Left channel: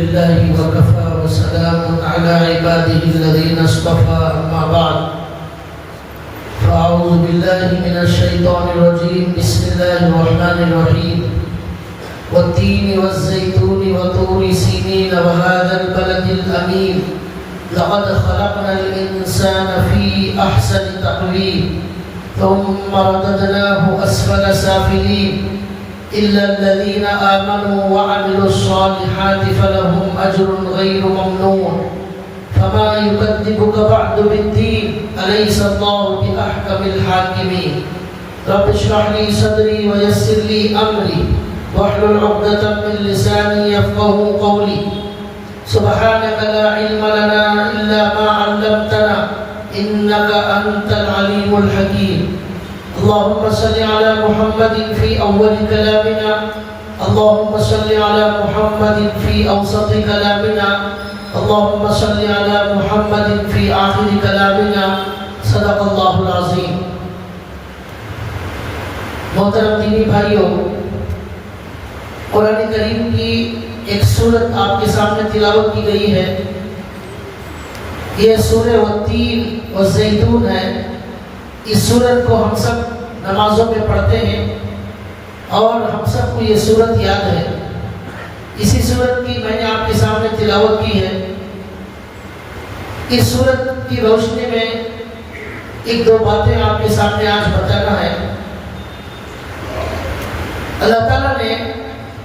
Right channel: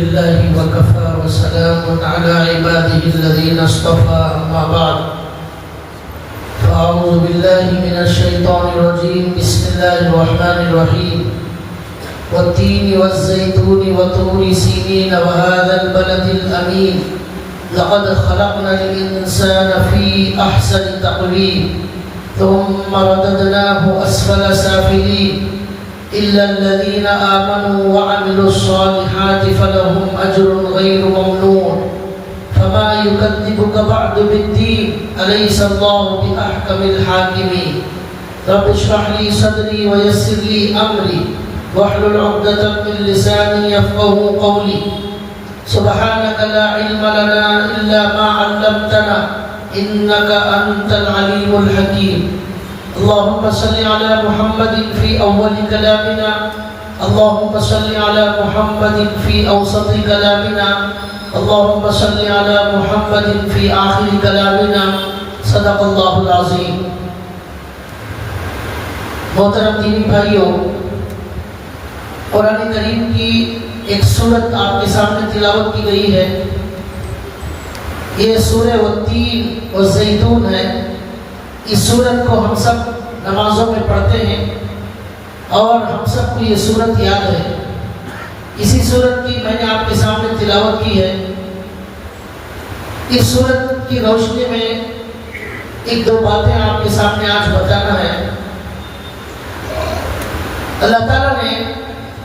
لله وكفى وسلام على عباده الذين اصطفى أما بعد فأعوذ بالله من الشيطان الرجيم بسم الله الرحمن الرحيم والتين والزيتون وطور سينين وهذا البلد الأمين لقد خلقنا الإنسان في أحسن تقويم ثم رددناه أسفل سافلين إلا الذين آمنوا وعملوا الصالحات فلهم أجر غير ممنون فما يكذبك بعد بالدين أليس الله بأحكم الحاكمين رب اشرح لي صدري ويسر لي أمري واحلل عقدة من لساني يفقهوا قولي سبحانك لا علم لنا إلا ما علمتنا إنك أنت العليم الحكيم اللهم صل على محمد في أول كلامنا اللهم صل على محمد في أوسط كلامنا اللهم صل على محمد في آخر كلامنا صدق الله العظيم. محترم دینی بھائیوں، قرآن کریم کی ایک سورت آپ کے سامنے تلاوت کی گئی ہے. یہ سورہ والتین والزیتون ہے. اس سورت کو ہم سب نمازوں میں پڑھتے ہیں اور ہم سب کو یہ سورت یاد ہے. اسی سورت کی میں نے آپ کے سامنے تلاوت کی ہے. اس سورت کی روشنی میں ایک دو باتیں آپ کے سامنے آج بتانا ہے. اللہ تعالیٰ نے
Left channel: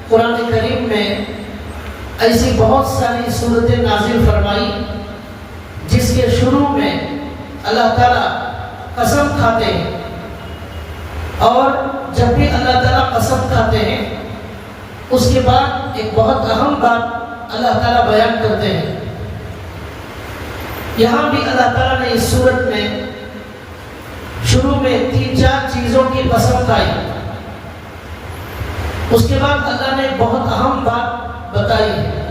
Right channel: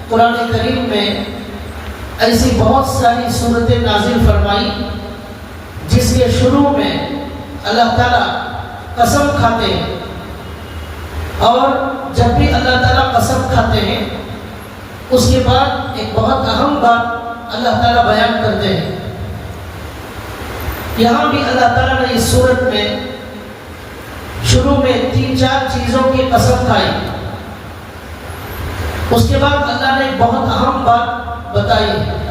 قرآن کریم میں ایسی بہت ساری سورتیں نازل فرمائی جس کے شروع میں اللہ تعالیٰ قسم کھاتے ہیں، اور جب بھی اللہ تعالیٰ قسم کھاتے ہیں اس کے بعد ایک بہت اہم بات اللہ تعالیٰ بیان کرتے ہیں. یہاں بھی اللہ تعالیٰ نے اس سورت میں شروع میں 3-4 چیزوں کی قسم کھائی. اس کے بعد اللہ نے ایک بہت اہم بات بتائی ہے.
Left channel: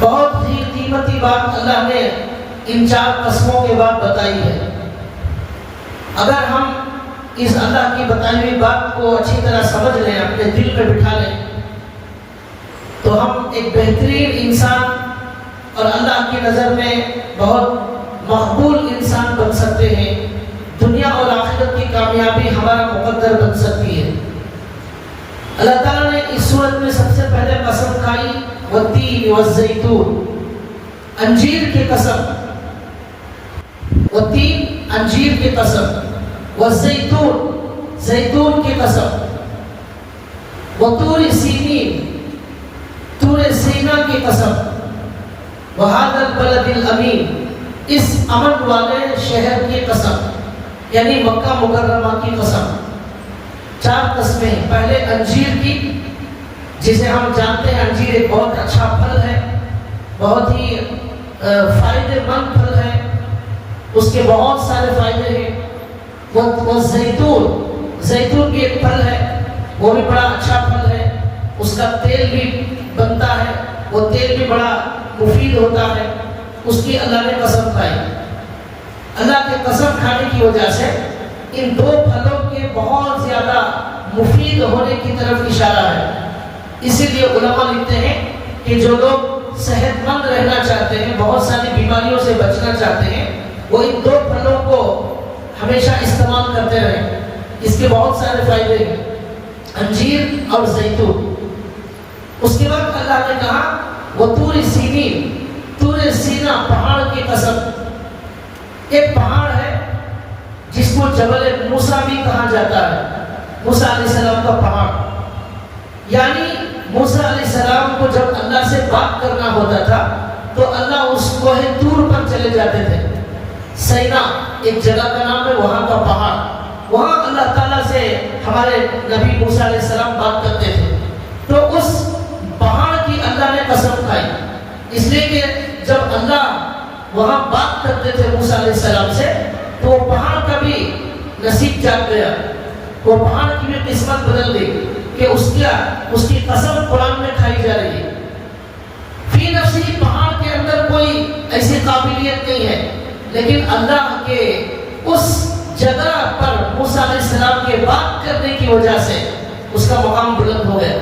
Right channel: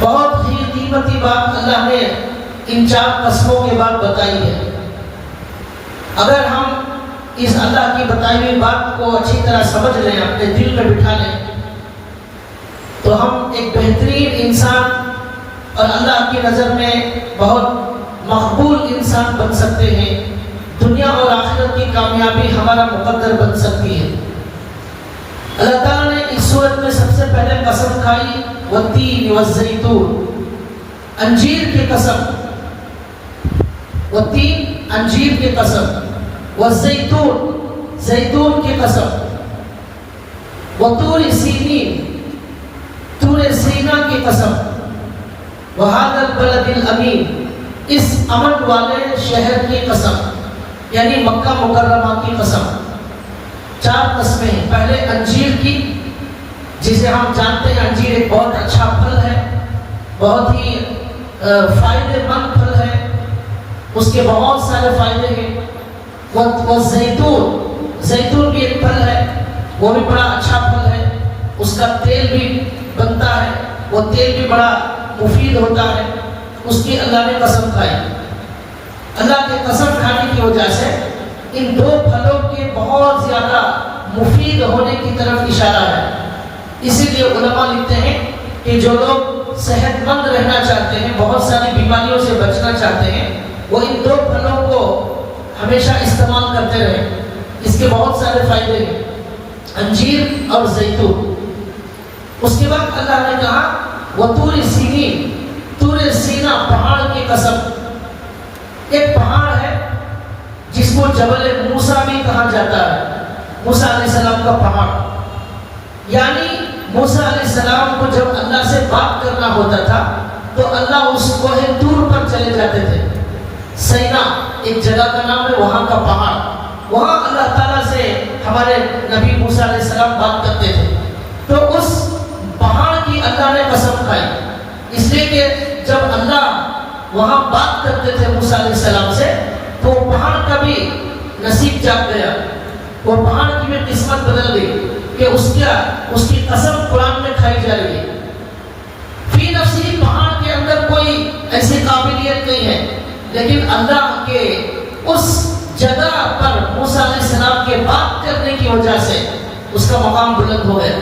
بہت ہی قیمتی بات اللہ نے ان 4 قسموں کے بعد بتائی ہے. اگر ہم اس اللہ کی بتائی ہوئی بات کو اچھی طرح سمجھ لیں، اپنے دل میں بٹھا لیں، تو ہم ایک بہترین انسان اور اللہ کی نظر میں بہت مقبول انسان بن سکتے ہیں. دنیا اور آخرت کی کامیابی ہمارا مقدر بن سکتی ہے. اللہ تعالیٰ نے اس سورت میں سب سے پہلے قسم کھائی والتین والزیتون، انجیر کی قسم. والتین انجیر کی قسم، والزیتون زیتون کی قسم، وطور سینین طور سینا کی قسم، وہذا البلد الامین اس امن والے شہر کی قسم، یعنی مکہ مکرمہ کی قسم. 4 قسمیں ہیں. پہلے انجیر کی، جسے ہم جانتے ہیں انجیر ایک بہت اچھا پھل ہے، بہت ہی فائدہ مند پھل ہے، اس کے بہت سارے فائدے ہیں. والزیتون زیتون بھی ایک پھل ہے، وہ بھی بڑا اچھا پھل ہے، اس کا تیل بھی بنتا ہے، وہ تیل بھی بڑا مفید ہوتا ہے. اس کی اللہ نے قسم کھائی. اللہ کے قسم کھانے کی وجہ سے ان 2 پھلوں کے بہت زیادہ مفید ہونے کی طرف اشارہ ہے. اسی لیے علماء لکھتے ہیں کہ جو لوگ صحت مند رہنا چاہتے ہیں، بہت ساری بیماریوں سے بچنا چاہتے ہیں، وہ ان 2 پھلوں کو ہمیشہ استعمال کرتے رہیں. اس کے بہت سارے فائدے ہیں، انجیر اور زیتون. اس کے بعد اللہ نے کہا وہ طور سینین، طور سینا پہاڑ کی قسم. ایک پہاڑ ہے جس کو جبل موسیٰ بھی کہا جاتا ہے، موسیٰ علیہ السلام کا پہاڑ. یعنی موسیٰ علیہ السلام کو جب اللہ سے بات کرنا ہوتا تھا تو اللہ اس کوہ طور پر چلے جاتے تھے. سینا ایک جگہ کا نام ہے، وہاں کا پہاڑ. وہاں اللہ تعالیٰ سے ہمارے نبی موسیٰ علیہ السلام بات کرتے تھے. تو اس پہاڑ کی اللہ نے قسم کھائی، اس لیے کہ جب اللہ وہاں بات کرتے تھے موسیٰ علیہ السلام سے تو پہاڑ کا بھی نصیب جاگ گیا، وہ پہاڑ کی بھی قسمت بدل گئی کہ اس کی قسم قرآن میں کھائی جا رہی ہے. فی نفسی پہاڑ کے اندر کوئی ایسی قابلیت نہیں ہے، لیکن اللہ کے اس جگہ پر موسیٰ علیہ السلام کے بات کرنے کی وجہ سے اس کا مقام بلند ہو گیا.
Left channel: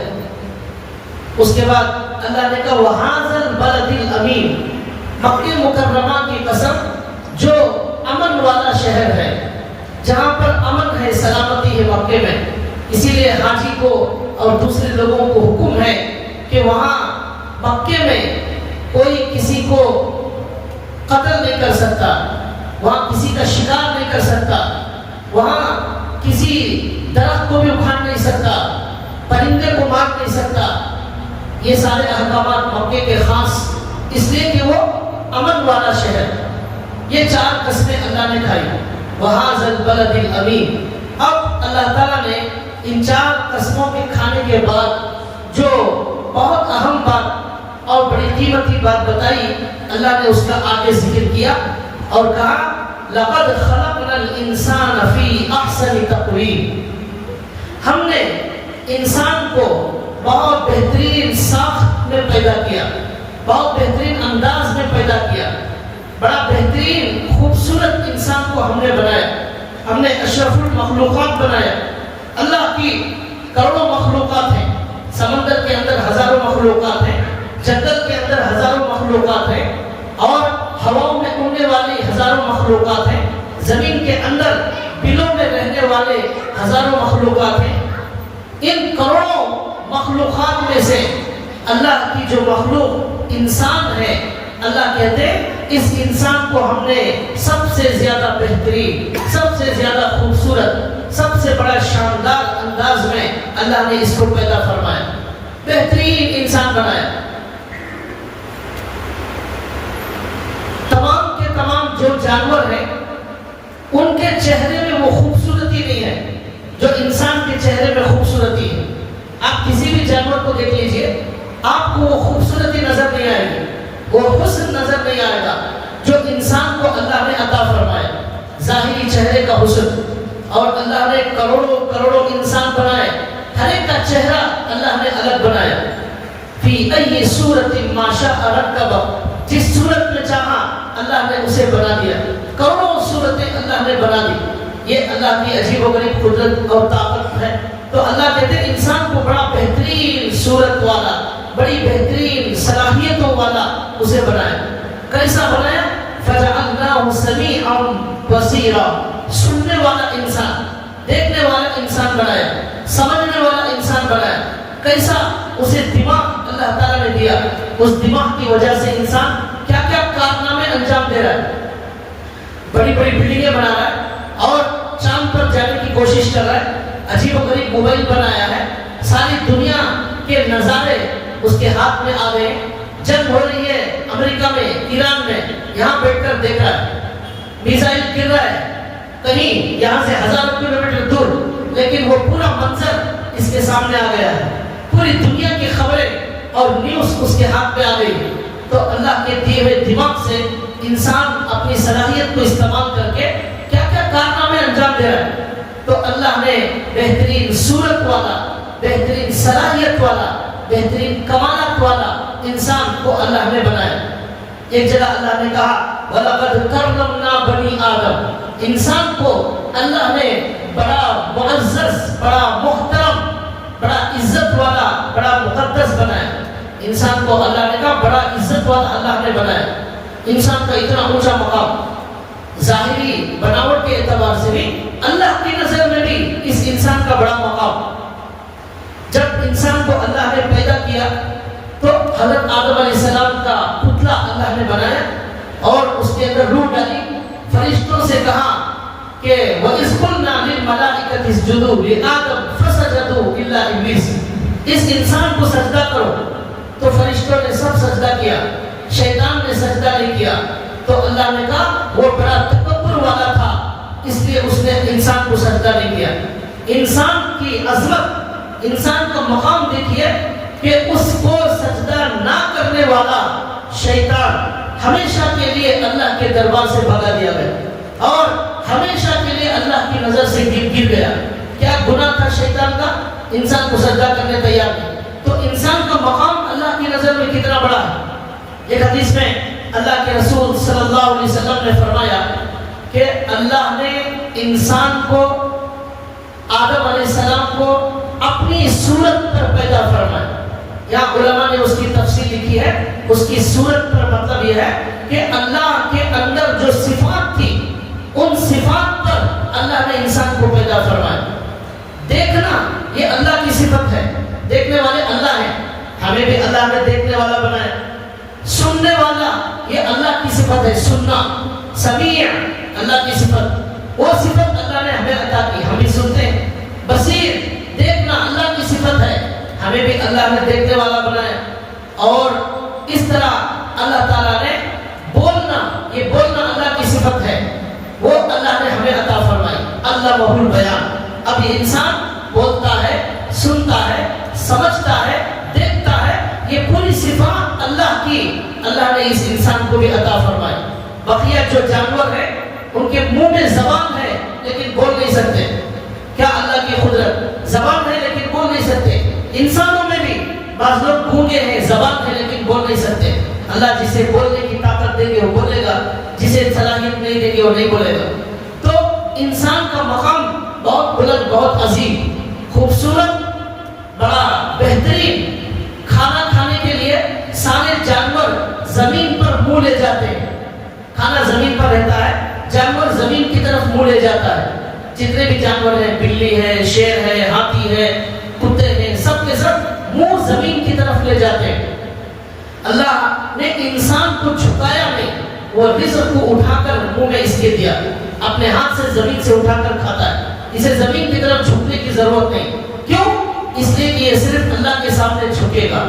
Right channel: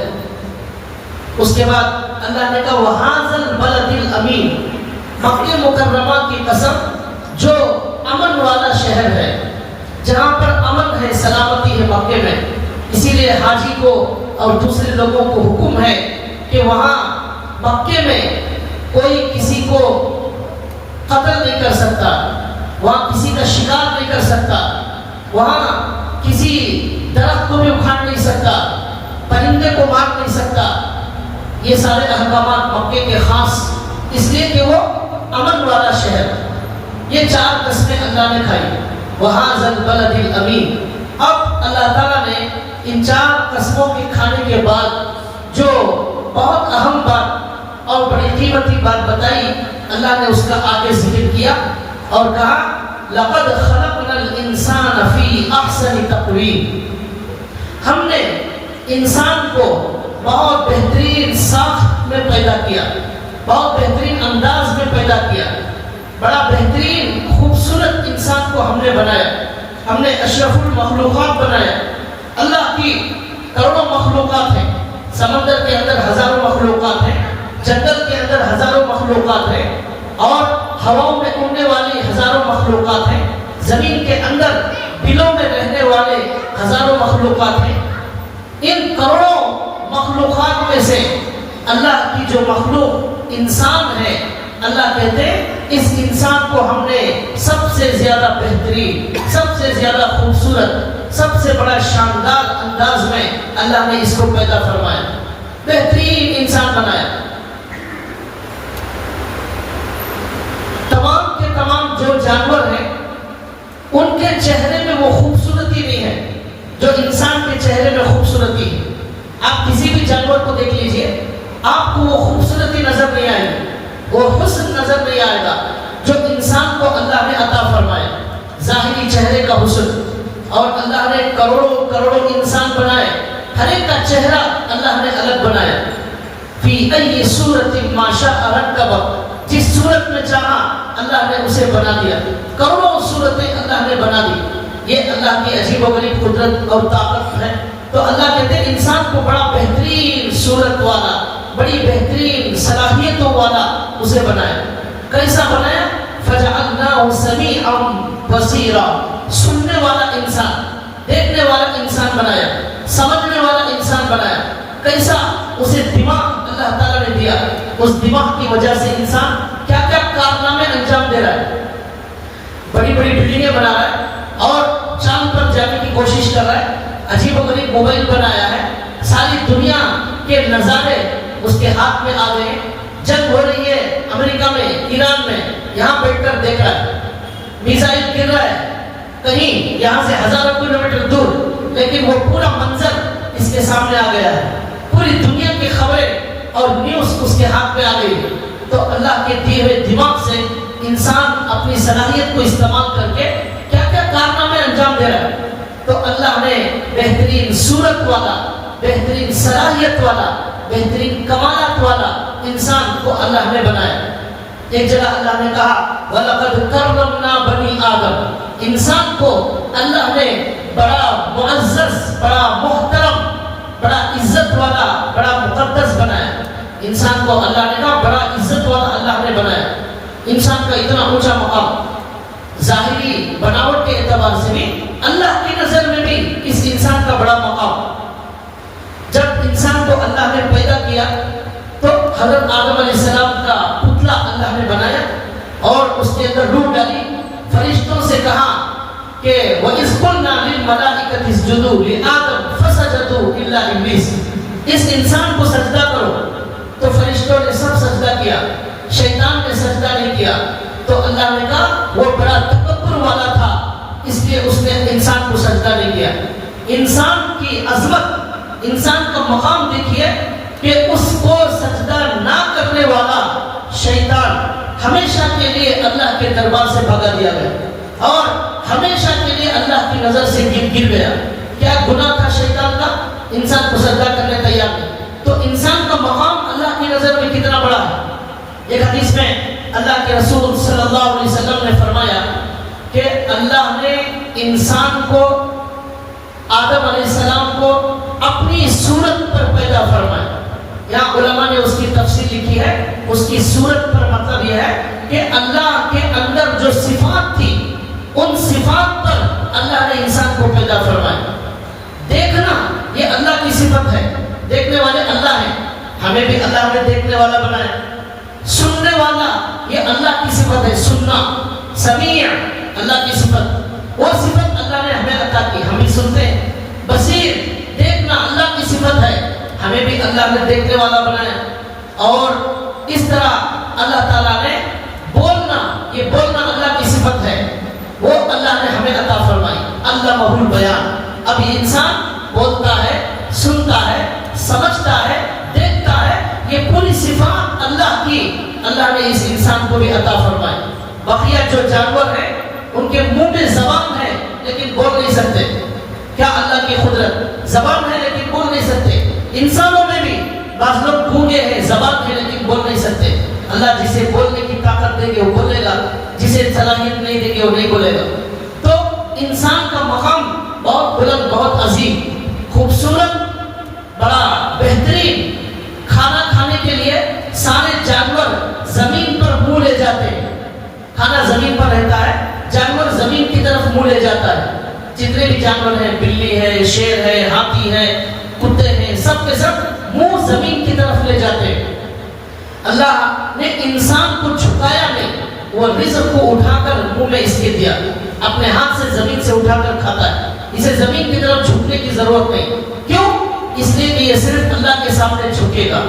اس کے بعد اللہ نے کہا وَهَذَا الْبَلَدِ الْأَمِينِ، مکہ مکرمہ کی قسم جو امن والا شہر ہے، جہاں پر امن ہے، سلامتی ہے مکے میں. اسی لیے حاجی کو اور دوسرے لوگوں کو حکم ہے کہ وہاں مکے میں کوئی کسی کو قتل نہیں کر سکتا، وہاں کسی کا شکار نہیں کر سکتا، وہاں کسی درخت کو بھی اکھاڑ نہیں سکتا، پرندے کو مار نہیں سکتا. یہ سارے احکامات مکے کے خاص اس لیے کہ وہ امن والا شہر. یہ 4 قسمیں اللہ نے کھائی. وَهَذَا الْبَلَدِ الْأَمِينِ. اب اللہ تعالیٰ نے ان 4 قسموں کے کھانے کے بعد جو بہت اہم بات اور بڑی قیمتی بات بتائی، اللہ نے اس کا آگے ذکر کیا اور کہا لَقَدْ خَلَقْنَا الْإِنسَانَ فِي أَحْسَنِ تَقْوِيمٍ. ہم نے انسان کو بہت بہترین ساخت میں پیدا کیا، بہت بہترین انداز میں پیدا کیا، بڑا بہترین خوبصورت انسان کو ہم نے بنایا. ہم نے اشرف المخلوقات بنایا. اللہ کی کروڑوں مخلوقات ہیں، سمندر کے اندر ہزاروں مخلوقات ہیں، جنگل کے اندر ہزاروں مخلوقات ہیں، اور ہواؤں میں اڑنے والی ہزاروں مخلوقات ہیں، زمین کے اندر بلوں میں رہنے والے ہزاروں مخلوقات ہیں. ان کروڑوں مخلوقات میں سے اللہ کی جو مخلوق انسان ہے، اللہ کہتے ہیں اس انسان کو ہم نے سب سے زیادہ بہترین، سب سے زیادہ خوبصورت، سب سے بڑا شاندار انداز میں اللہ نے اس کو پیدا فرمایا، بہترین انسان بنایا. تمام کے تمام جو جانور ہیں ان کے چہرے میں وہ خوبصورتی نہیں ہے جو انسان کے چہرے میں خوبصورتی ہے. آپ کسی بھی جانور کو دیکھ لیجئے، آپ کو وہ خوبصورتی نظر نہیں آئے گی، وہ حسن نظر نہیں آئے گا جو انسان کو اللہ نے عطا فرمایا، ظاہری چہرے کا حسن. اور اللہ نے کروڑوں کروڑوں انسان بنائے، ہر ایک کا چہرہ اللہ نے الگ بنایا. فی ای صورت ما شاء رکب، جس صورت میں چاہا اللہ نے اسے بنا دیا. کروڑوں صورتیں اللہ نے بنا دی. یہ اللہ کی عجیب و غریب قدرت اور طاقت ہے. تو اللہ کہتے ہیں انسان کو بڑا بہترین صورت والا، بڑی بہترین صلاحیتوں والا اسے بنایا. کیسا بنایا؟ فَجَعَلْنَاهُ سَمِيعًا بَصِيرًا، سننے والا انسان، دیکھنے والا انسان بنایا، سمجھنے والا انسان بنایا. کیسا؟ اسے دماغ اللہ تعالیٰ نے دیا. اس دماغ کی وجہ سے انسان کیا کیا کارنامے انجام دے رہا ہے. بڑی بڑی بلڈنگیں بنا رہا ہے اور چاند پر جانے کی کوشش کر رہا ہے. عجیب و غریب موبائل بنایا ہے. ساری دنیا کے نظارے اس کے ہاتھ میں آ گئے. جنگ ہو رہی ہے امریکہ میں، ایران میں، یہاں بیٹھ کر دیکھ رہا ہے. میزائل گر رہا ہے کہیں یہاں سے ہزاروں کلومیٹر دور، لیکن وہ پورا منظر اس کے سامنے آ گیا ہے. پوری دنیا کی خبریں اور نیوز اس کے ہاتھ میں آ گئی. تو اللہ کے دیے ہوئے دماغ سے انسان اپنی صلاحیت کو استعمال کر کے کیا کیا کارنامے انجام دے رہا ہے. تو اللہ نے بہترین صورت والا، بہترین صلاحیت والا، بہترین کمالات والا انسان کو اللہ نے بنایا. ایک جگہ اللہ نے کہا وَلَقَدْ كَرَّمْنَا بَنِي آدم، انسان کو اللہ نے بڑا معزز، بڑا محترم، بڑا عزت والا، بڑا مقدس بنایا. انسان کو اللہ نے کہا بڑا عزت والا اللہ نے بنایا. انسان کا اتنا اونچا مقام، ظاہری بناوٹ کے اعتبار سے بھی، اللہ کی نظر میں بھی اس انسان کا بڑا مقام. جب انسان کو اللہ نے پیدا کیا تو حضرت آدم علیہ السلام کا پتلا اللہ نے بنایا اور اس کے اندر روح ڈالی. فرشتوں سے کہا کہ وَإِذْ قُلْنَا لِلْمَلَائِكَةِ اسْجُدُوا لِآدَمَ فَسَجَدُوا إِلَّا إِبْلِيسَ، اس انسان کو سجدہ کرو. تو فرشتوں نے سب سجدہ کیا، شیطان نے سجدہ نہیں کیا. تو اللہ نے کہا وہ بڑا تکبر والا تھا، اس لیے اس نے انسان کو سجدہ نہیں کیا. انسان کی عظمت، انسان کا مقام دیکھیے کہ اس کو سجدہ نہ کرنے والا شیطان ہمیشہ کے لیے اللہ کے دربار سے بھگا دیا گیا اور ہمیشہ کے لیے اللہ کی نظر سے گر گیا. کیا گناہ تھا شیطان کا؟ انسان کو سجدہ کرنے تیار نہیں. تو انسان کا مقام اللہ کی نظر میں کتنا بڑا ہے. ایک حدیث میں اللہ کے رسول صلی اللہ علیہ وسلم نے فرمایا کہ اللہ نے انسان کو، آدم علیہ السلام کو اپنی صورت پر پیدا فرمایا. یہاں علماء اس کی صورت پر مطلب یہ ہے کہ اللہ کے اندر جو صفات تھی ان صفات پر اللہ نے انسان کو پیدا فرمایا. دیکھنا یہ اللہ کی صفت ہے, دیکھنے والے اللہ ہیں, ہمیں بھی اللہ نے دیکھنے والا بنایا. سننے والا یہ اللہ کی صفت ہے, سننا, سمیع اللہ کی صفت, وہ صفت اللہ نے ہمیں عطا کی, ہم ہی سنتے ہیں. بصیر دیکھنا اللہ کی صفت ہے, ہمیں بھی اللہ نے دیکھنے والا بنایا. اور اس طرح اللہ تعالیٰ نے بولنا, یہ بولنا اللہ کی صفت ہے, وہ اللہ نے ہمیں عطا فرمائی. اللہ وحول بیان. اب یہ انسان بولتا ہے, سنتا ہے, سمجھتا ہے, دیکھتا ہے, یہ پوری صفات اللہ کی اللہ نے اس انسان کو بھی عطا فرمائی. بقیہ جو جانور ہیں ان کے منہ میں زبان ہے لیکن بول نہیں سکتے. کیا اللہ کی قدرت, زبان ہے لیکن بول نہیں سکتے. انسانوں میں بھی بعض لوگ گونگے ہیں, زبان ہے لیکن بول نہیں سکتے. اللہ جسے بولنے کی طاقت دیں گے وہ بولے گا, جسے صلاحیت نہیں دیں گے وہ نہیں بولے گا. تو انسان کا مقام بہت بلند, بہت عظیم, خوبصورت, بڑا بہترین. کھانا کھانے کے لیے سارے جانور زمین پر منہ لے جاتے ہیں. کھانا زمین پر رہتا ہے, جانور زمین کی طرف منہ لے جاتا ہے. جتنے بھی جانور ہیں, بلی ہے, شیر ہے, ہاتھی ہے, کتے ہیں, سب کے سب منہ زمین کی طرف لے جاتے ہیں. اللہ نے انسان کو جھکایا نہیں, وہ رزق کو اٹھا کر منہ میں اس کے دیا, اپنے ہاتھ سے زمین سے اٹھا کر کھاتا ہے. اسے زمین کی طرف جھکنے کی ضرورت نہیں. کیوں؟ اس لیے کہ یہ صرف اللہ کے سامنے جھکے گا,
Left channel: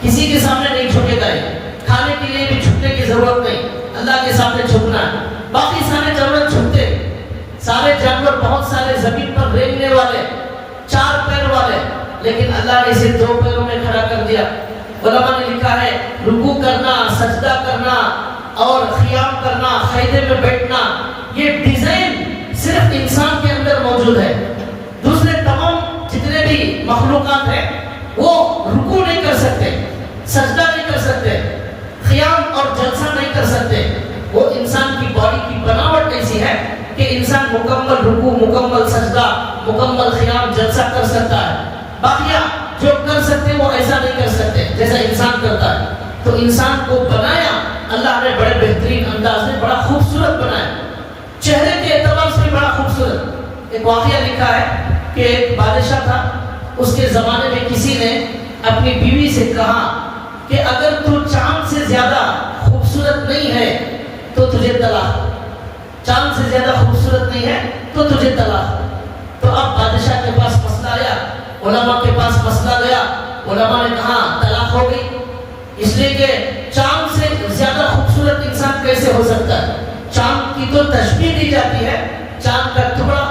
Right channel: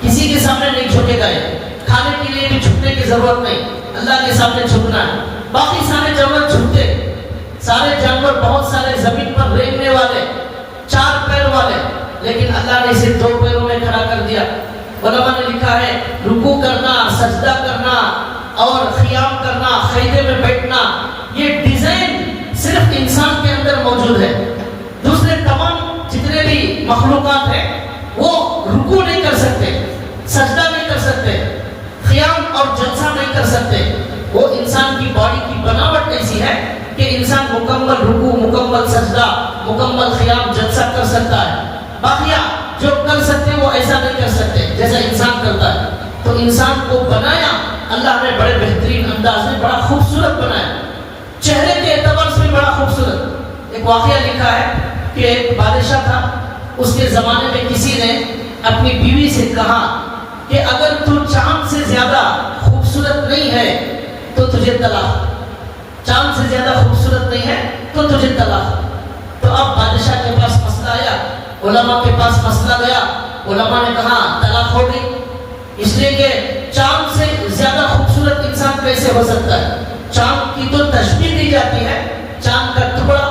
کسی کے سامنے نہیں جھکے گا. کھانے کے لیے بھی جھکنے کی ضرورت نہیں, اللہ کے سامنے جھکنا ہے. باقی سارے جانور جھکتے, سارے جانور بہت سارے زمین پر رینگنے والے, 4 پیر والے, لیکن اللہ نے اسے 2 پیروں میں کھڑا کر دیا. علماء نے لکھا ہے رکوع کرنا, سجدہ کرنا اور قیام کرنا, قیدے میں بیٹھنا, یہ ڈیزائن صرف انسان کے اندر موجود ہے. دوسرے تمام جتنے بھی مخلوقات ہیں وہ رکوع نہیں کر سکتے, سجدہ نہیں کر سکتے, قیام اور جلسہ نہیں کر سکتے. وہ انسان کی باڈی کی بناوٹ ایسی ہے کہ انسان مکمل رکوع, مکمل سجدہ, مکمل قیام, جلسہ کر سکتا ہے. باقیہ جو کر سکتے ہیں وہ ایسا نہیں کر سکتے جیسا انسان کرتا ہے. تو انسان کو بنایا اللہ نے بڑے بہترین انداز میں, بڑا خوبصورت بنایا, چہرے کے اعتبار سے بڑا خوبصورت. ایک واقعہ لکھا ہے کہ ایک بادشاہ تھا, اس کے زمانے میں کسی نے اپنی بیوی سے کہا کہ اگر تو چاند سے زیادہ خوبصورت نہیں ہے تو تجھے طلاق, چاند سے زیادہ خوبصورت نہیں ہے تو تجھے طلاق. تو اب بادشاہ کے پاس مسئلہ آیا, علماء کے پاس مسئلہ گیا, علماء نے کہا طلاق ہو گئی. اس لیے کہ چاند سے زیادہ خوبصورت انسان کیسے ہو سکتا ہے. چاند کی تو تشبیہ دی جاتی ہے, چاند کا ٹکڑا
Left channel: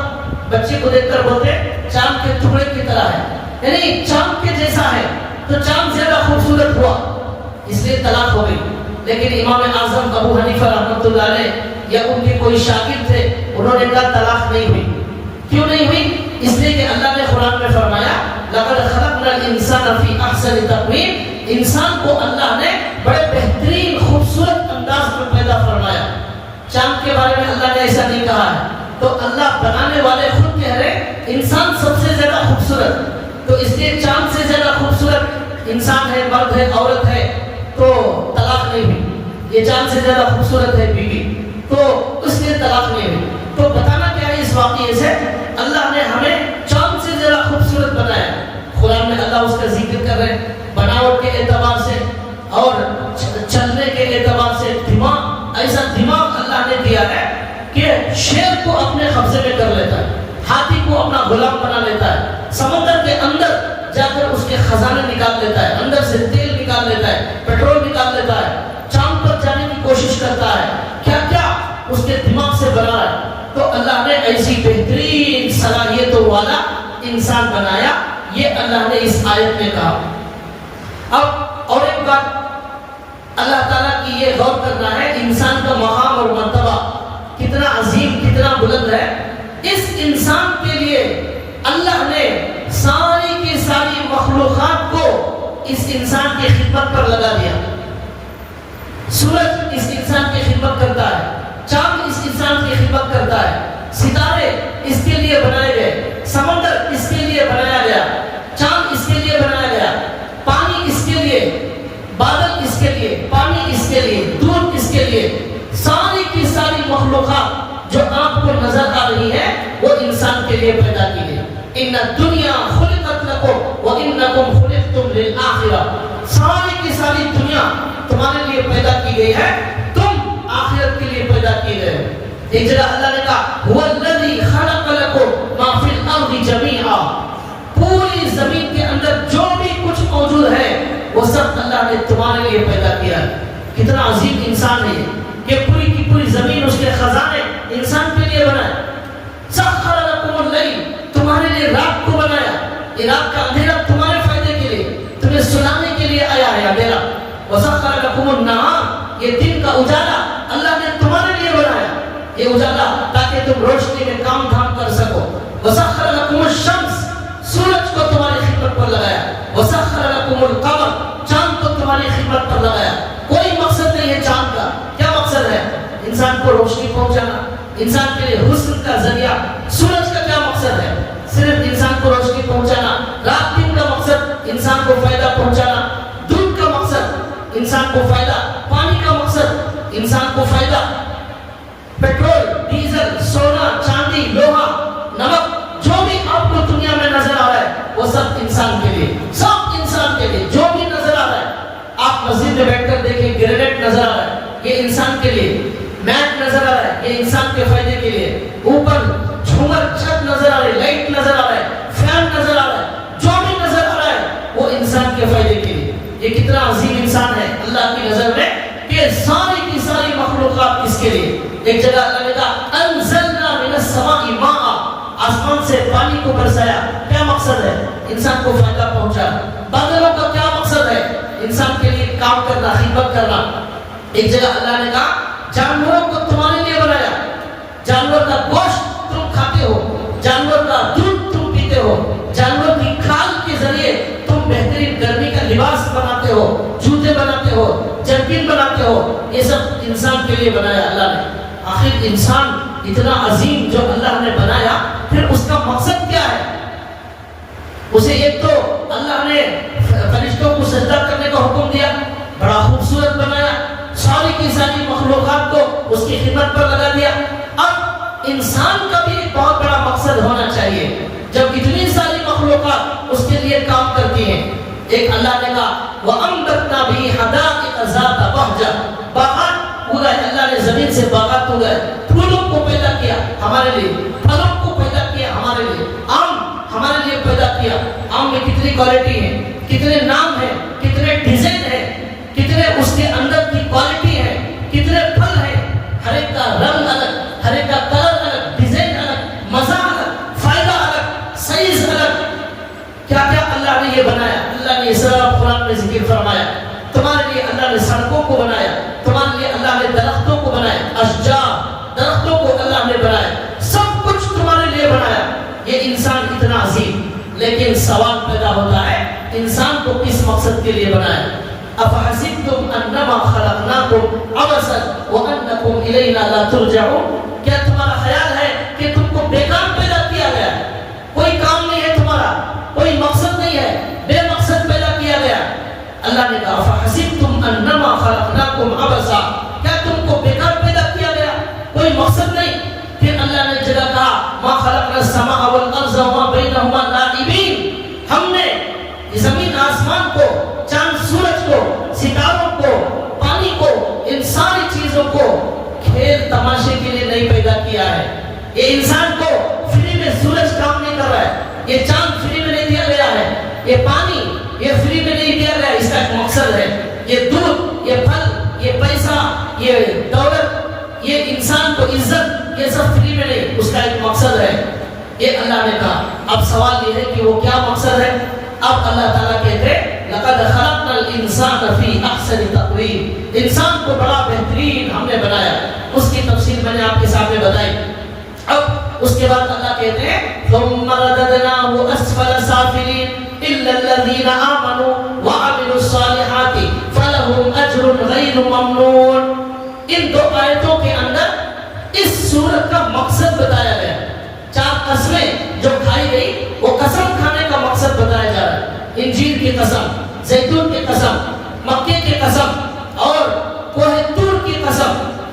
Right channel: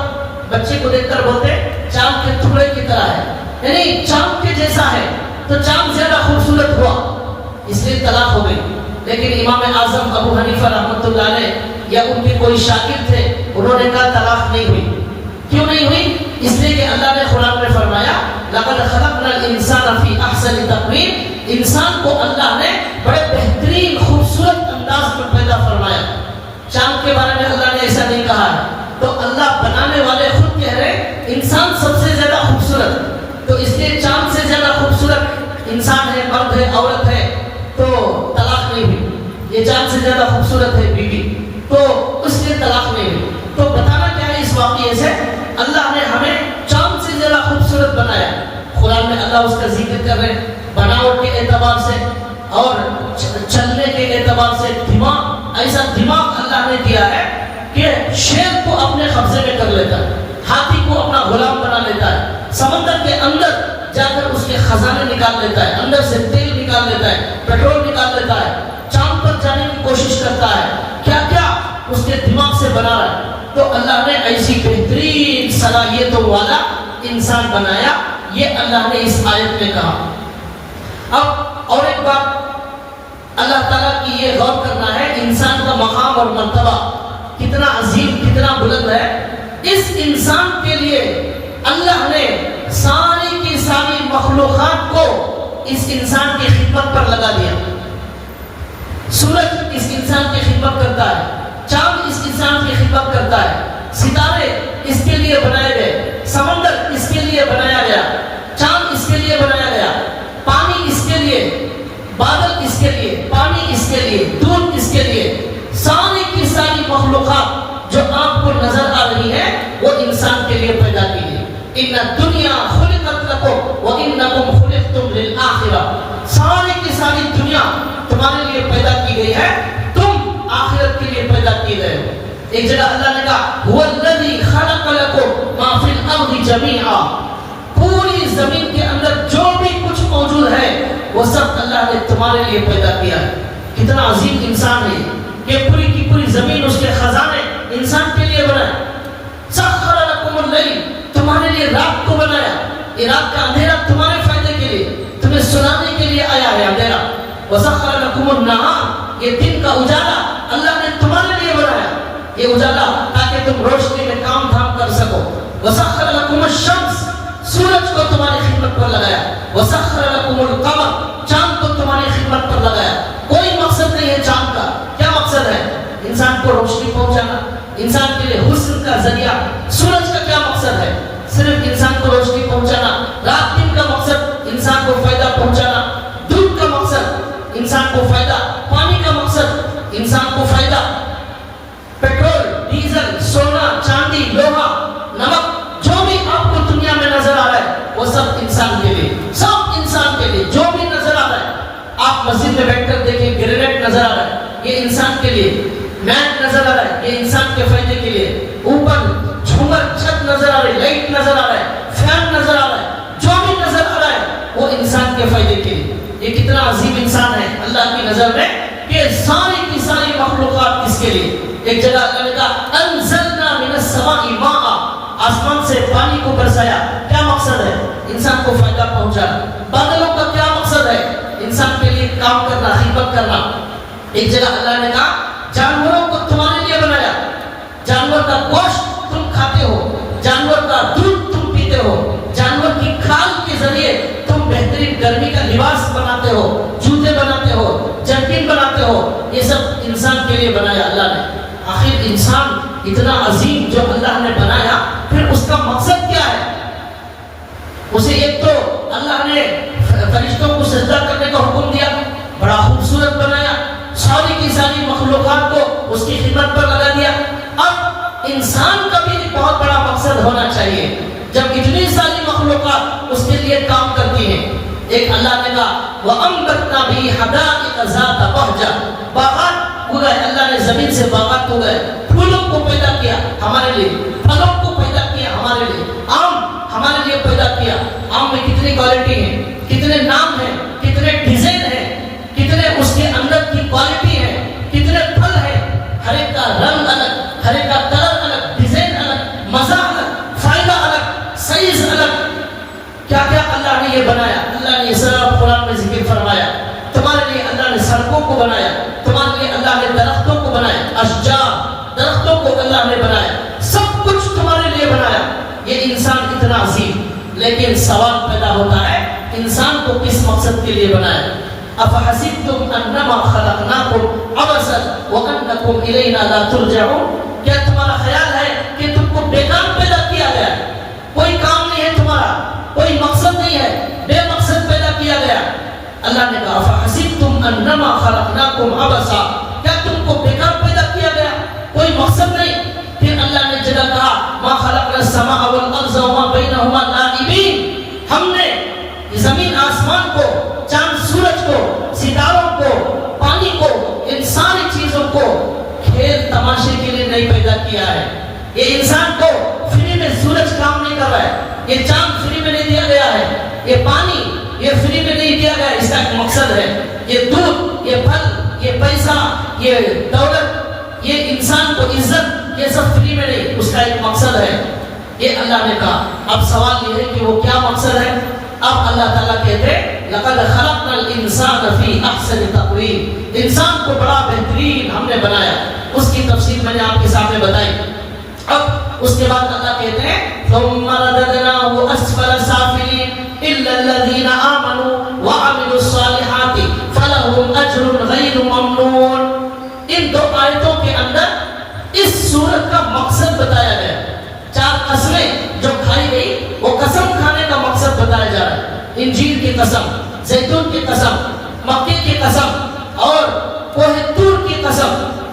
بچے کو دیکھ کر بولتے چاند کے ٹکڑے کی طرح ہے, یعنی چاند کے جیسا ہے, تو چاند زیادہ خوبصورت ہوا, اس لیے طلاق ہو گئی. لیکن امام اعظم ابو حنیفہ رحمۃ اللہ علیہ یا ان کے کوئی شاگرد تھے, انہوں نے کہا طلاق نہیں ہوئی. کیوں نہیں ہوئی؟ اس لیے کہ اللہ نے قرآن میں فرمایا لقد خلقنا الانسان فی احسن تقویم, انسان کو اللہ نے بڑے بہترین خوبصورت انداز میں پیدا فرمایا. چاند کے بارے میں اللہ نے ایسا نہیں کہا ہے. تو اللہ بنانے والے خود کہہ رہے انسان سب سے زیادہ خوبصورت, تو اس لیے چاند سے زیادہ خوبصورت انسان ہے, مرد ہے, عورت ہے, تو طلاق نہیں ہوئی. یہ چاند سے زیادہ خوبصورت ہے بیوی, تو اس لیے طلاق نہیں ہوئی. تو بتانا کیا ہے اس واقعے سے, اللہ نے ہمیں چاند سے زیادہ خوبصورت بنایا. قرآن میں اللہ اس کا ذکر کر رہے ہیں بناوٹ کے اعتبار سے اور چلنے کے اعتبار سے. دماغ, ایسا دماغ اللہ نے دیا ہے کہ شیر کو اپنے قبضے میں کر لیتا ہے, ہاتھی کو اپنا غلام بنا لیتا ہے, سمندر کے اندر جا کر اس کے خزانے نکال لیتا ہے, اندر سے تیل نکال لیتا ہے, پیٹرول نکال لیتا ہے, چاند پر جانے کی کوشش کرتا ہے. کیا کیا اس کے دماغ سے بنا رہا ہے. تو اللہ نے ایسی بہترین صلاحیتوں والا انسان بنایا, یہ اللہ نے اس آیت میں کہا. اب اور ایک بات اللہ تعالیٰ کی یہ غور کرنا ہے, انسان کا مقام اور مرتبہ کتنا عظیم, کتنا بلند ہے. اس انسان کے لیے اللہ نے ساری کی ساری مخلوقات کو اس انسان کی خدمت پر لگا دیا. سورج اس انسان کی خدمت کرتا ہے, چاند اس انسان کی خدمت کرتا ہے, ستارے اس کے لیے بنائے گئے, سمندر اس کے لیے بنایا گیا, چاند اس کے لیے بنایا گیا, پانی اس کے لیے, بادل اس کے لیے, پانی کس کے لیے، دودھ کس کے لیے، ساری کی ساری مخلوقات جو آپ کو نظر آ رہی ہے وہ انسان کے لیے پیدا کی ہے. ان الدنیا خلقت لکم وانکم خلقتم للآخرہ. ساری کی ساری دنیا تمہارے لیے پیدا کی گئی ہے، تم آخرت کے لیے پیدا کی گئے. ایک جگہ اللہ نے کہا هو الذی خلق لکم ما فی الارض جمیعا. پوری زمین کے اندر جو بھی کچھ موجود ہے وہ سب اللہ نے تمہارے لیے پیدا کیا. کتنا عظیم انسان ہے یہ پوری کی پوری زمین اس کے خزانے انسان کے لیے بنایا. سخر لکم اللیل، تمہارے لیے رات کو بنایا. یہ رات کا اندھیرا تمہارے فائدے کے لیے، تمہیں سنانے کے لیے آیا ہے اندھیرا. وسخر لکم النہار، یہ دن کا اجالا اللہ نے تمہارے لیے بنایا. یہ اجالا تاکہ تم روشنی میں کام دھام کر سکو. وسخر لکم الشمس، سورج کو تمہاری خدمت پر لگایا. وسخر لکم القمر، چاند کو تمہاری خدمت پر لگایا. کوئی مقصد نہیں ہے چاند کا. کیا مقصد ہے؟ انسان کو روشنی پہنچانا، انسان کے لیے حسن کا ذریعہ. سورج کا کیا مقصد ہے؟ صرف انسان کو روشنی پہنچانا. رات دن کا مقصد انسان کو فائدہ پہنچانا. دودھ کا مقصد انسان کو فائدہ، پانی کا مقصد انسان کو فائدہ. پیٹرول، ڈیزل، سونا، چاندی، لوہا، نمک، جو بھی آپ کو دنیا میں نظر آ رہا ہے وہ سب انسان کے لیے، سب انسان کے لیے. جو بھی نظر آ رہا ہے، آپ مسجد میں بیٹھ کر دیکھیں گرینیٹ نظر آ رہا ہے، یہ انسان کے لیے. میٹ نظر آ رہا ہے، یہ انسان کے فائدے کے لیے. اوپر جھومر، چھت نظر آ رہی ہے، لائٹ نظر آ رہا ہے، فین نظر آ رہا ہے، جو بھی نظر آ رہا ہے وہ انسان کے فائدے کے لیے. یہ کتنا عظیم انسان ہے اللہ کی نظر میں کہ ساری کی ساری مخلوقات کس کے لیے. ایک جگہ اللہ نے کہا انزلنا من السماء ماء، آسمان سے پانی کو برسایا. کیا مقصد ہے؟ انسان کو فائدہ پہنچانا. بادلوں کا کیا مقصد ہے؟ انسان کے لیے کام کرنا، خدمت کرنا. ایک جگہ اللہ نے کہا جانوروں کو تمہارے لیے بنایا. جانور کا گوشت تم کھاتے ہو، جانور کا دودھ تم پیتے ہو، جانور کی کھال کے ذریعے تم بہترین گرمی کا لباس بناتے ہو، جوتے بناتے ہو، جرکن بناتے ہو. یہ سب انسان کے لیے بنایا اللہ نے. آخر انسان اتنا عظیم جو اللہ نے بنایا، پھر اس کا مقصد کیا ہے؟ اسے ایک تو اللہ نے فرشتوں کو سجدہ کرنے کا حکم دیا، بڑا خوبصورت بنایا، ساری کی ساری مخلوقات کو اس کی خدمت پر لگا دیا. اب انسان کا بھی ایک بہت بڑا مقصد ہونا چاہیے. جب اتنی ساری مخلوقات اس کے لیے کام کرتی ہیں، ایک اللہ نے کہا وَأَنبَتْنَا بِهِ حَدَائِقَ ذَاتَ بَهْجَةٍ، باغات اگائے. اللہ نے زمین سے باغات اگائے، پھولوں کو پیدا کیا ہمارے لیے، پھلوں کو پیدا کیا ہمارے لیے، آم ہمارے لیے پیدا کیا. آم میں کتنی کوالٹی ہے، کتنے نام ہیں، کتنے ڈیزائن ہیں، کتنے اس کے اندر کی کوالٹی ہے، کتنے پھل ہیں. ہر ایک کا رنگ الگ، ہر ایک کا کلر الگ، ڈیزائن الگ، مزہ الگ، فائدہ الگ، سائز الگ. کیا کیا اللہ نے یہ بنایا. اللہ نے یہ سب قرآن میں ذکر فرمایا. تمہارے لیے اللہ نے سڑکوں کو بنایا، تمہارے لیے اللہ نے درختوں کو بنایا، اشجار، درختوں کو اللہ نے بنایا. سب کچھ تمہارے لیے بنایا. یہ انسان اتنا عظیم. لیکن سوال پیدا ہوتا ہے انسان کو کس مقصد کے لیے بنایا. افحسبتم انما خلقناکم عبثا وانکم الینا لا ترجعون. کیا تمہارا خیال ہے کہ تم کو بیکار پیدا کیا گیا ہے؟ کوئی کام نہیں ہے تمہارا، کوئی مقصد نہیں ہے، بے مقصد پیدا کیا گیا. اللہ نے کہا افحسبتم انما خلقناکم عبثا، کیا تم کو بیکار پیدا کیا گیا، کوئی مقصد نہیں. پھر اللہ نے جگہ کہا ما خلقنا السماء والارض وما بینہما لاعبین. ہم نے زمین آسمان کو، چاند سورج کو، ستاروں کو، پانی کو، ان ساری چیزوں کو کھیل تماشے کے لیے نہیں پیدا کیا ہے. یہ انسان کو فری میں سورج کام نہیں کر رہا ہے، یہ چاند فری میں نہیں دیا گیا ہے، یہ پانی یہ فری میں نہیں دیا گیا. اس کا ایک مقصد ہے. یہ دودھ، یہ پھل، یہ پیسہ، یہ دولت، یہ انسان کو عزت، یہ سب فری میں نہیں، اس کا ایک مقصد ہے. یہ اللہ نے کہا. اب سوال یہ ہے کہ وہ کیا مقصد ہے. اب اللہ تعالیٰ کہتے ہیں لقد خلقنا الانسان فی احسن تقویم. انسان کو بڑا بہترین ہم نے بنایا. اس کی تفصیل میں نے آپ کے سامنے بتائی. اب اس کے بعد اللہ کہتے ہیں ثم رددناه اسفل سافلین الا الذين امنوا وعملوا الصالحات فلهم اجر غیر ممنون. ان دو آیتوں کے اندر اس سورت کا مقصد بتایا گیا. 4 قسمیں جو کھائی گئی وہ قسم کھانے کا مقصد بتایا جا رہا ہے. انجیل کی قسم، زیتون کی قسم، مکے کی قسم اور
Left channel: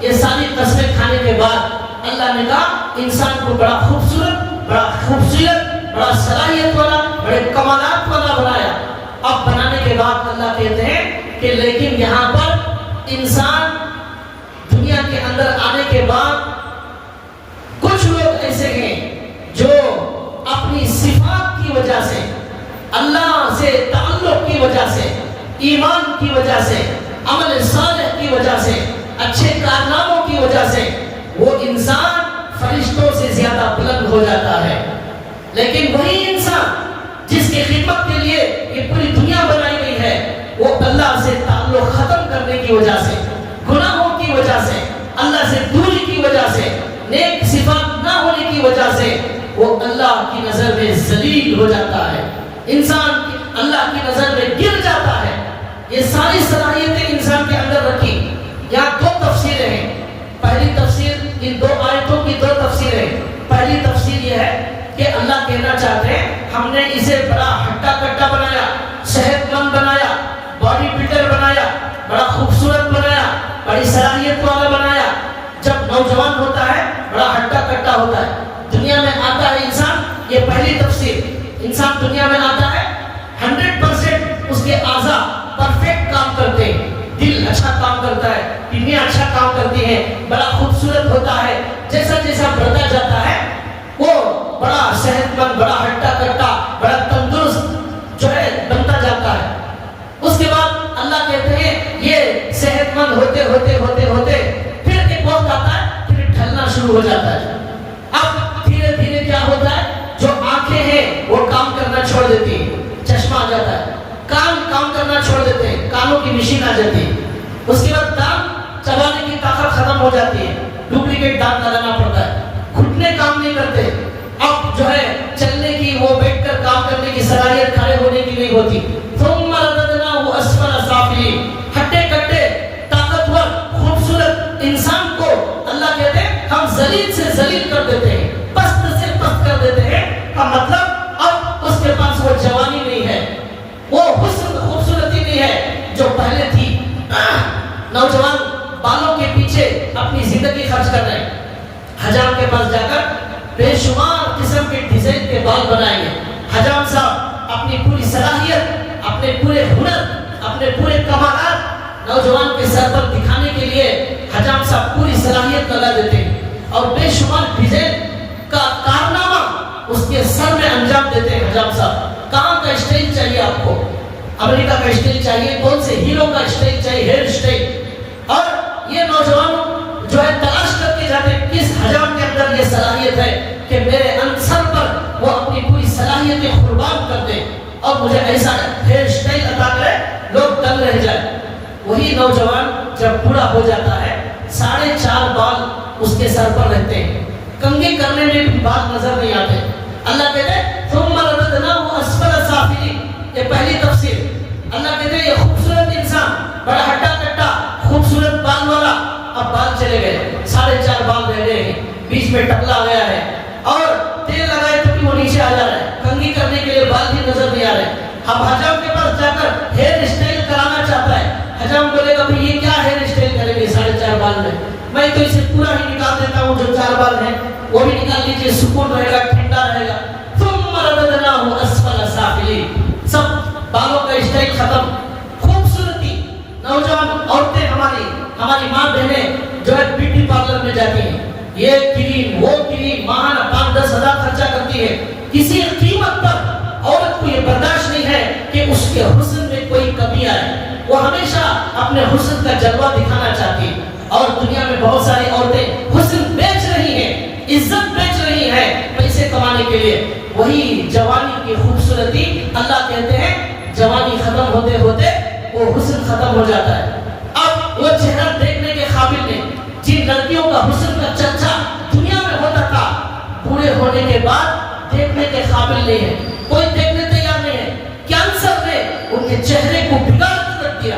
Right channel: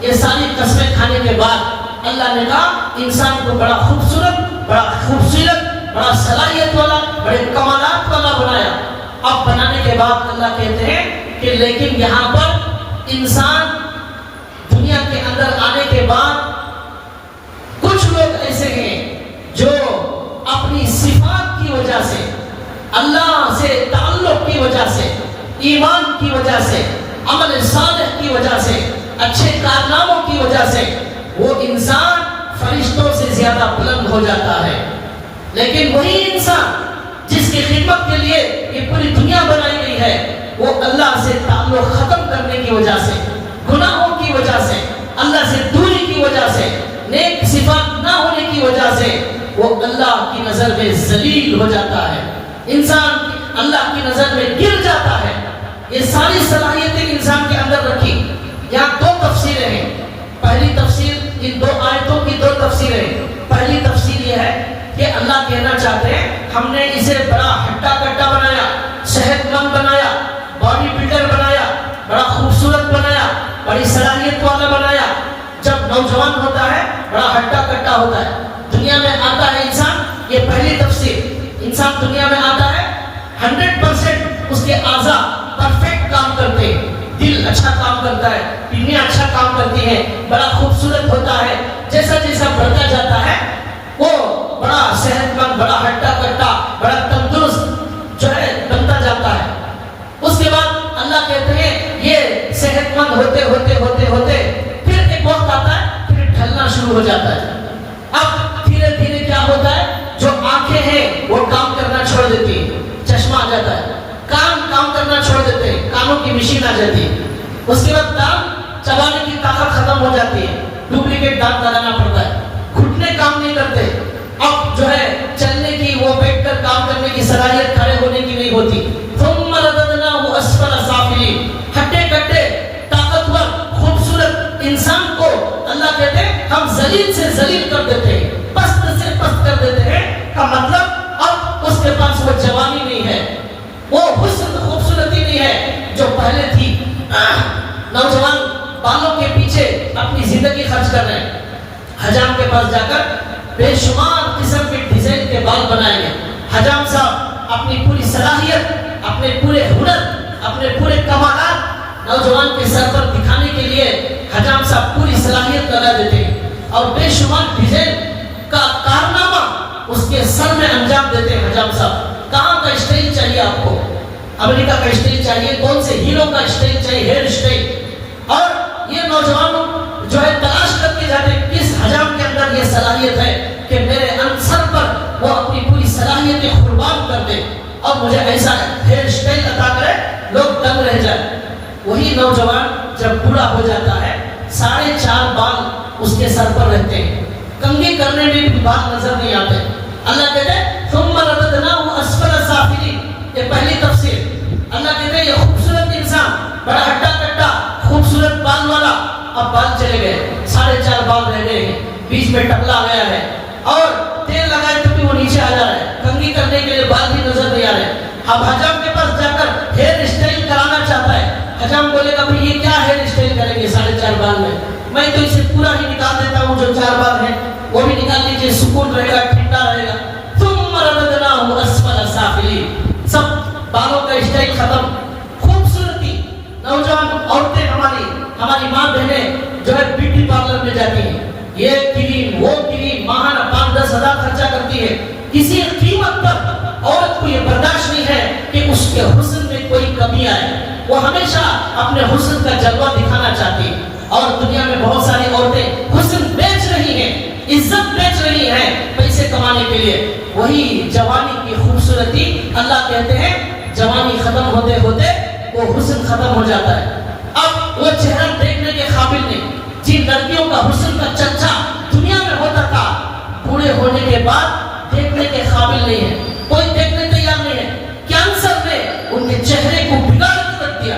یہ ساری قسمیں کھانے کے بعد اللہ نے کہا انسان کو بڑا خوبصورت، بڑا صلاحیت والا، بڑے کمالات والا بنایا۔ اب بنانے کے بعد اللہ کہتے ہیں کہ لیکن یہاں پر انسان دنیا کے اندر آنے کے بعد کچھ لوگ ایسے ہیں جو اپنی صفات کی وجہ سے، اللہ سے تعلق کی وجہ سے، ایمان کی وجہ سے، عمل صالح کی وجہ سے، اچھے کارناموں کی وجہ سے وہ انسان فرشتوں سے زیادہ بلند ہو جاتا ہے۔ لیکن وہی انسان جس کی خدمت کے لیے یہ پوری دنیا بنائی گئی ہے، وہ اللہ سے تعلق ختم کرنے کی وجہ سے، گناہوں کی وجہ سے، اللہ سے دوری کی وجہ سے، نیک صفات نہ ہونے کی وجہ سے وہ اللہ کی نظر میں ذلیل ہو جاتا ہے، انسان اللہ کی نظر میں گر جاتا ہے۔ یہ ساری صلاحیتیں انسان کے اندر رکھی۔ یہاں دو تفسیریں ہیں۔ پہلی تفسیر، ان دو آیتوں کی دو تفسیریں ہیں۔ پہلی تفسیر یہ ہے کہ اللہ کہنا چاہتے ہیں ہم نے اسے بڑا ہٹا کٹا بنایا، صحت مند بنایا، باڈی بلڈر بنایا، بڑا خوبصورت بنایا، بڑی صلاحیت والا بنایا۔ جب نوجوان ہوتا ہے بڑا ہٹا کٹا ہوتا ہے، دنیا میں آتا ہے انسان، یہ پہلی تفسیر، انسان دنیا میں آتا ہے 100% اس کے اعضاء پرفیکٹ کام کرتے ہیں، دل اچھا کام کرتا ہے، کڈنیاں اچھا کام کرتی ہیں، بڑا خوبصورت ہوتا ہے۔ جیسا جیسا بڑھتا جاتا ہے وہ بڑا صحت مند، بڑا ہٹا کٹا، بڑا تندرست جو ہے بنتا جاتا ہے۔ اس کے بعد اللہ کہتے ہیں یہ صحت مند ہوتے ہوتے ہوتے ہوتے پھر ایک وقت آتا ہے پھر ڈھلنا شروع ہو جاتا ہے۔ اب دھیرے دھیرے کیا ہوتا ہے، جو آنکھیں ہیں وہ کام کرنا چھوڑ دیتی ہے، چشمہ آ جاتا ہے، کان کام کرنا چھوڑ دیتے ہیں، کانوں کی مشین آ جاتی ہے۔ اس کے بعد دانت چبانے کی طاقت ختم ہو جاتی ہے، ڈپلیکیٹ دانت لگانا پڑتا ہے، گھٹنے کام نہیں کرتے، اب جو ہے چلنے کی، وہ بیٹھ کر کام کرنے کی صلاحیت کھڑے ہونے کی نہیں ہوتی۔ ثم رددناه اسفل سافلین، ہٹے کٹے طاقتور خوبصورت انسان کو اللہ کہتے ہیں ہم ذلیل سے ذلیل کر دیتے ہیں، پست سے پست کر دیتے ہیں۔ کا مطلب اب اس کے پاس وہ جوانی نہیں ہے، وہ حسن خوبصورتی نہیں ہے جو پہلے تھی۔ نوجوان بالوں کے پیچھے اپنی زندگی خرچ کر رہے ہیں، حجام کے پاس جا کر بے شمار قسم کے ڈیزائن کے بال بنائیں گے۔ حجام صاحب اپنی پوری صلاحیت، اپنے پورے ہنر، اپنے پورے کمالات نوجوان کے سر پر دکھانے کے لیے حجام صاحب پوری صلاحیت لگا دیتے ہیں اور بے شمار ڈیزائن کا کارنامہ اس کے سر میں انجام دیتے ہیں۔ حجام صاحب کہاں کا اسٹائل چاہیے آپ کو؟ امریکہ کا اسٹائل چاہیے؟ کون سے ہیرو کا اسٹائل چاہیے؟ Hair style. اور یہ نوجوان جو ہے تلاش کر کے جاتے ہیں کس حجام کے اندر یہ صلاحیت ہے کہ میرے سر پر وہ اپنی پوری صلاحیت قربان کر دے اور مجھے ایسا ہیئر اسٹائل عطا کرے لوگ دنگ رہ جائے۔ وہی نوجوان جب بوڑھا ہو جاتا ہے 4.5 بال اس کے سر پر رہتے ہیں، کنگھی کرنے میں بھی بال نظر نہیں آتے۔ اللہ کہتے ہیں ثم رددناه اسفل سافلین، یہ پہلی تفسیر۔ اللہ کہتے ہیں یہ خوبصورت انسان بڑا ہٹا کٹا خوبصورت بال والا، اب بال چلے گئے، 4.5 بال رہ گئے ہیں، بیچ میں ٹکلا گیا ہے اور تیل لگائے تو بھی وہ نیچے آ جا رہا ہے، کنگھی کرنے کے لیے بال بھی نظر نہیں آ رہے۔ اب حجام کے پاس جا کر ہیئر اسٹائل کرانا چاہتا ہے، حجام بولے گا بھائی یہ کیا ہیئر اسٹائل کریں گے 4.5 بال میں تو اسے پورا ہی نکال دیتا ہوں، جو 4 بال ہیں وہ بھی نکال لیجیے، سکون رہے گا، ٹھنڈا رہے گا۔ ثم رددناه اسفل سافلین، سب بالوں کا اسٹائل ختم، خوبصورتی۔ نوجوان عورتیں ہماری ماں بہنیں جو ہے بیوٹی پارلر میں جاتی ہیں، یہ کریم وہ کریم، ماہانہ 5-10 ہزار خرچہ کرتی ہے، کسی قیمت پر عورت کو یہ برداشت نہیں ہے کہ اس کے حسن میں کوئی کمی آئے، وہ ہمیشہ اپنے حسن کا جلوہ دکھانا چاہتی ہے۔ اور دنیا میں بہت ساری عورتیں حسن بیچ رہی ہیں، عزت بیچ رہی ہیں پیسے کمانے کے لیے۔ وہی جوانی کی خوبصورتی، اللہ کہتے ہیں جوانی ختم ہوتے ہوتے وہ حسن ختم ہو جاتا ہے۔ اب وہ چہرہ دیکھنے کے قابل نہیں، جن لڑکیوں کا حسن کا چرچا دنیا میں ہوتا تھا، بوڑھے ہونے کے بعد دیکھنے کے قابل نہیں ہے، کوئی دیکھنے تیار نہیں ہے۔ کینسر نے ان کے چہرے کو بگاڑ کر رکھ دیا،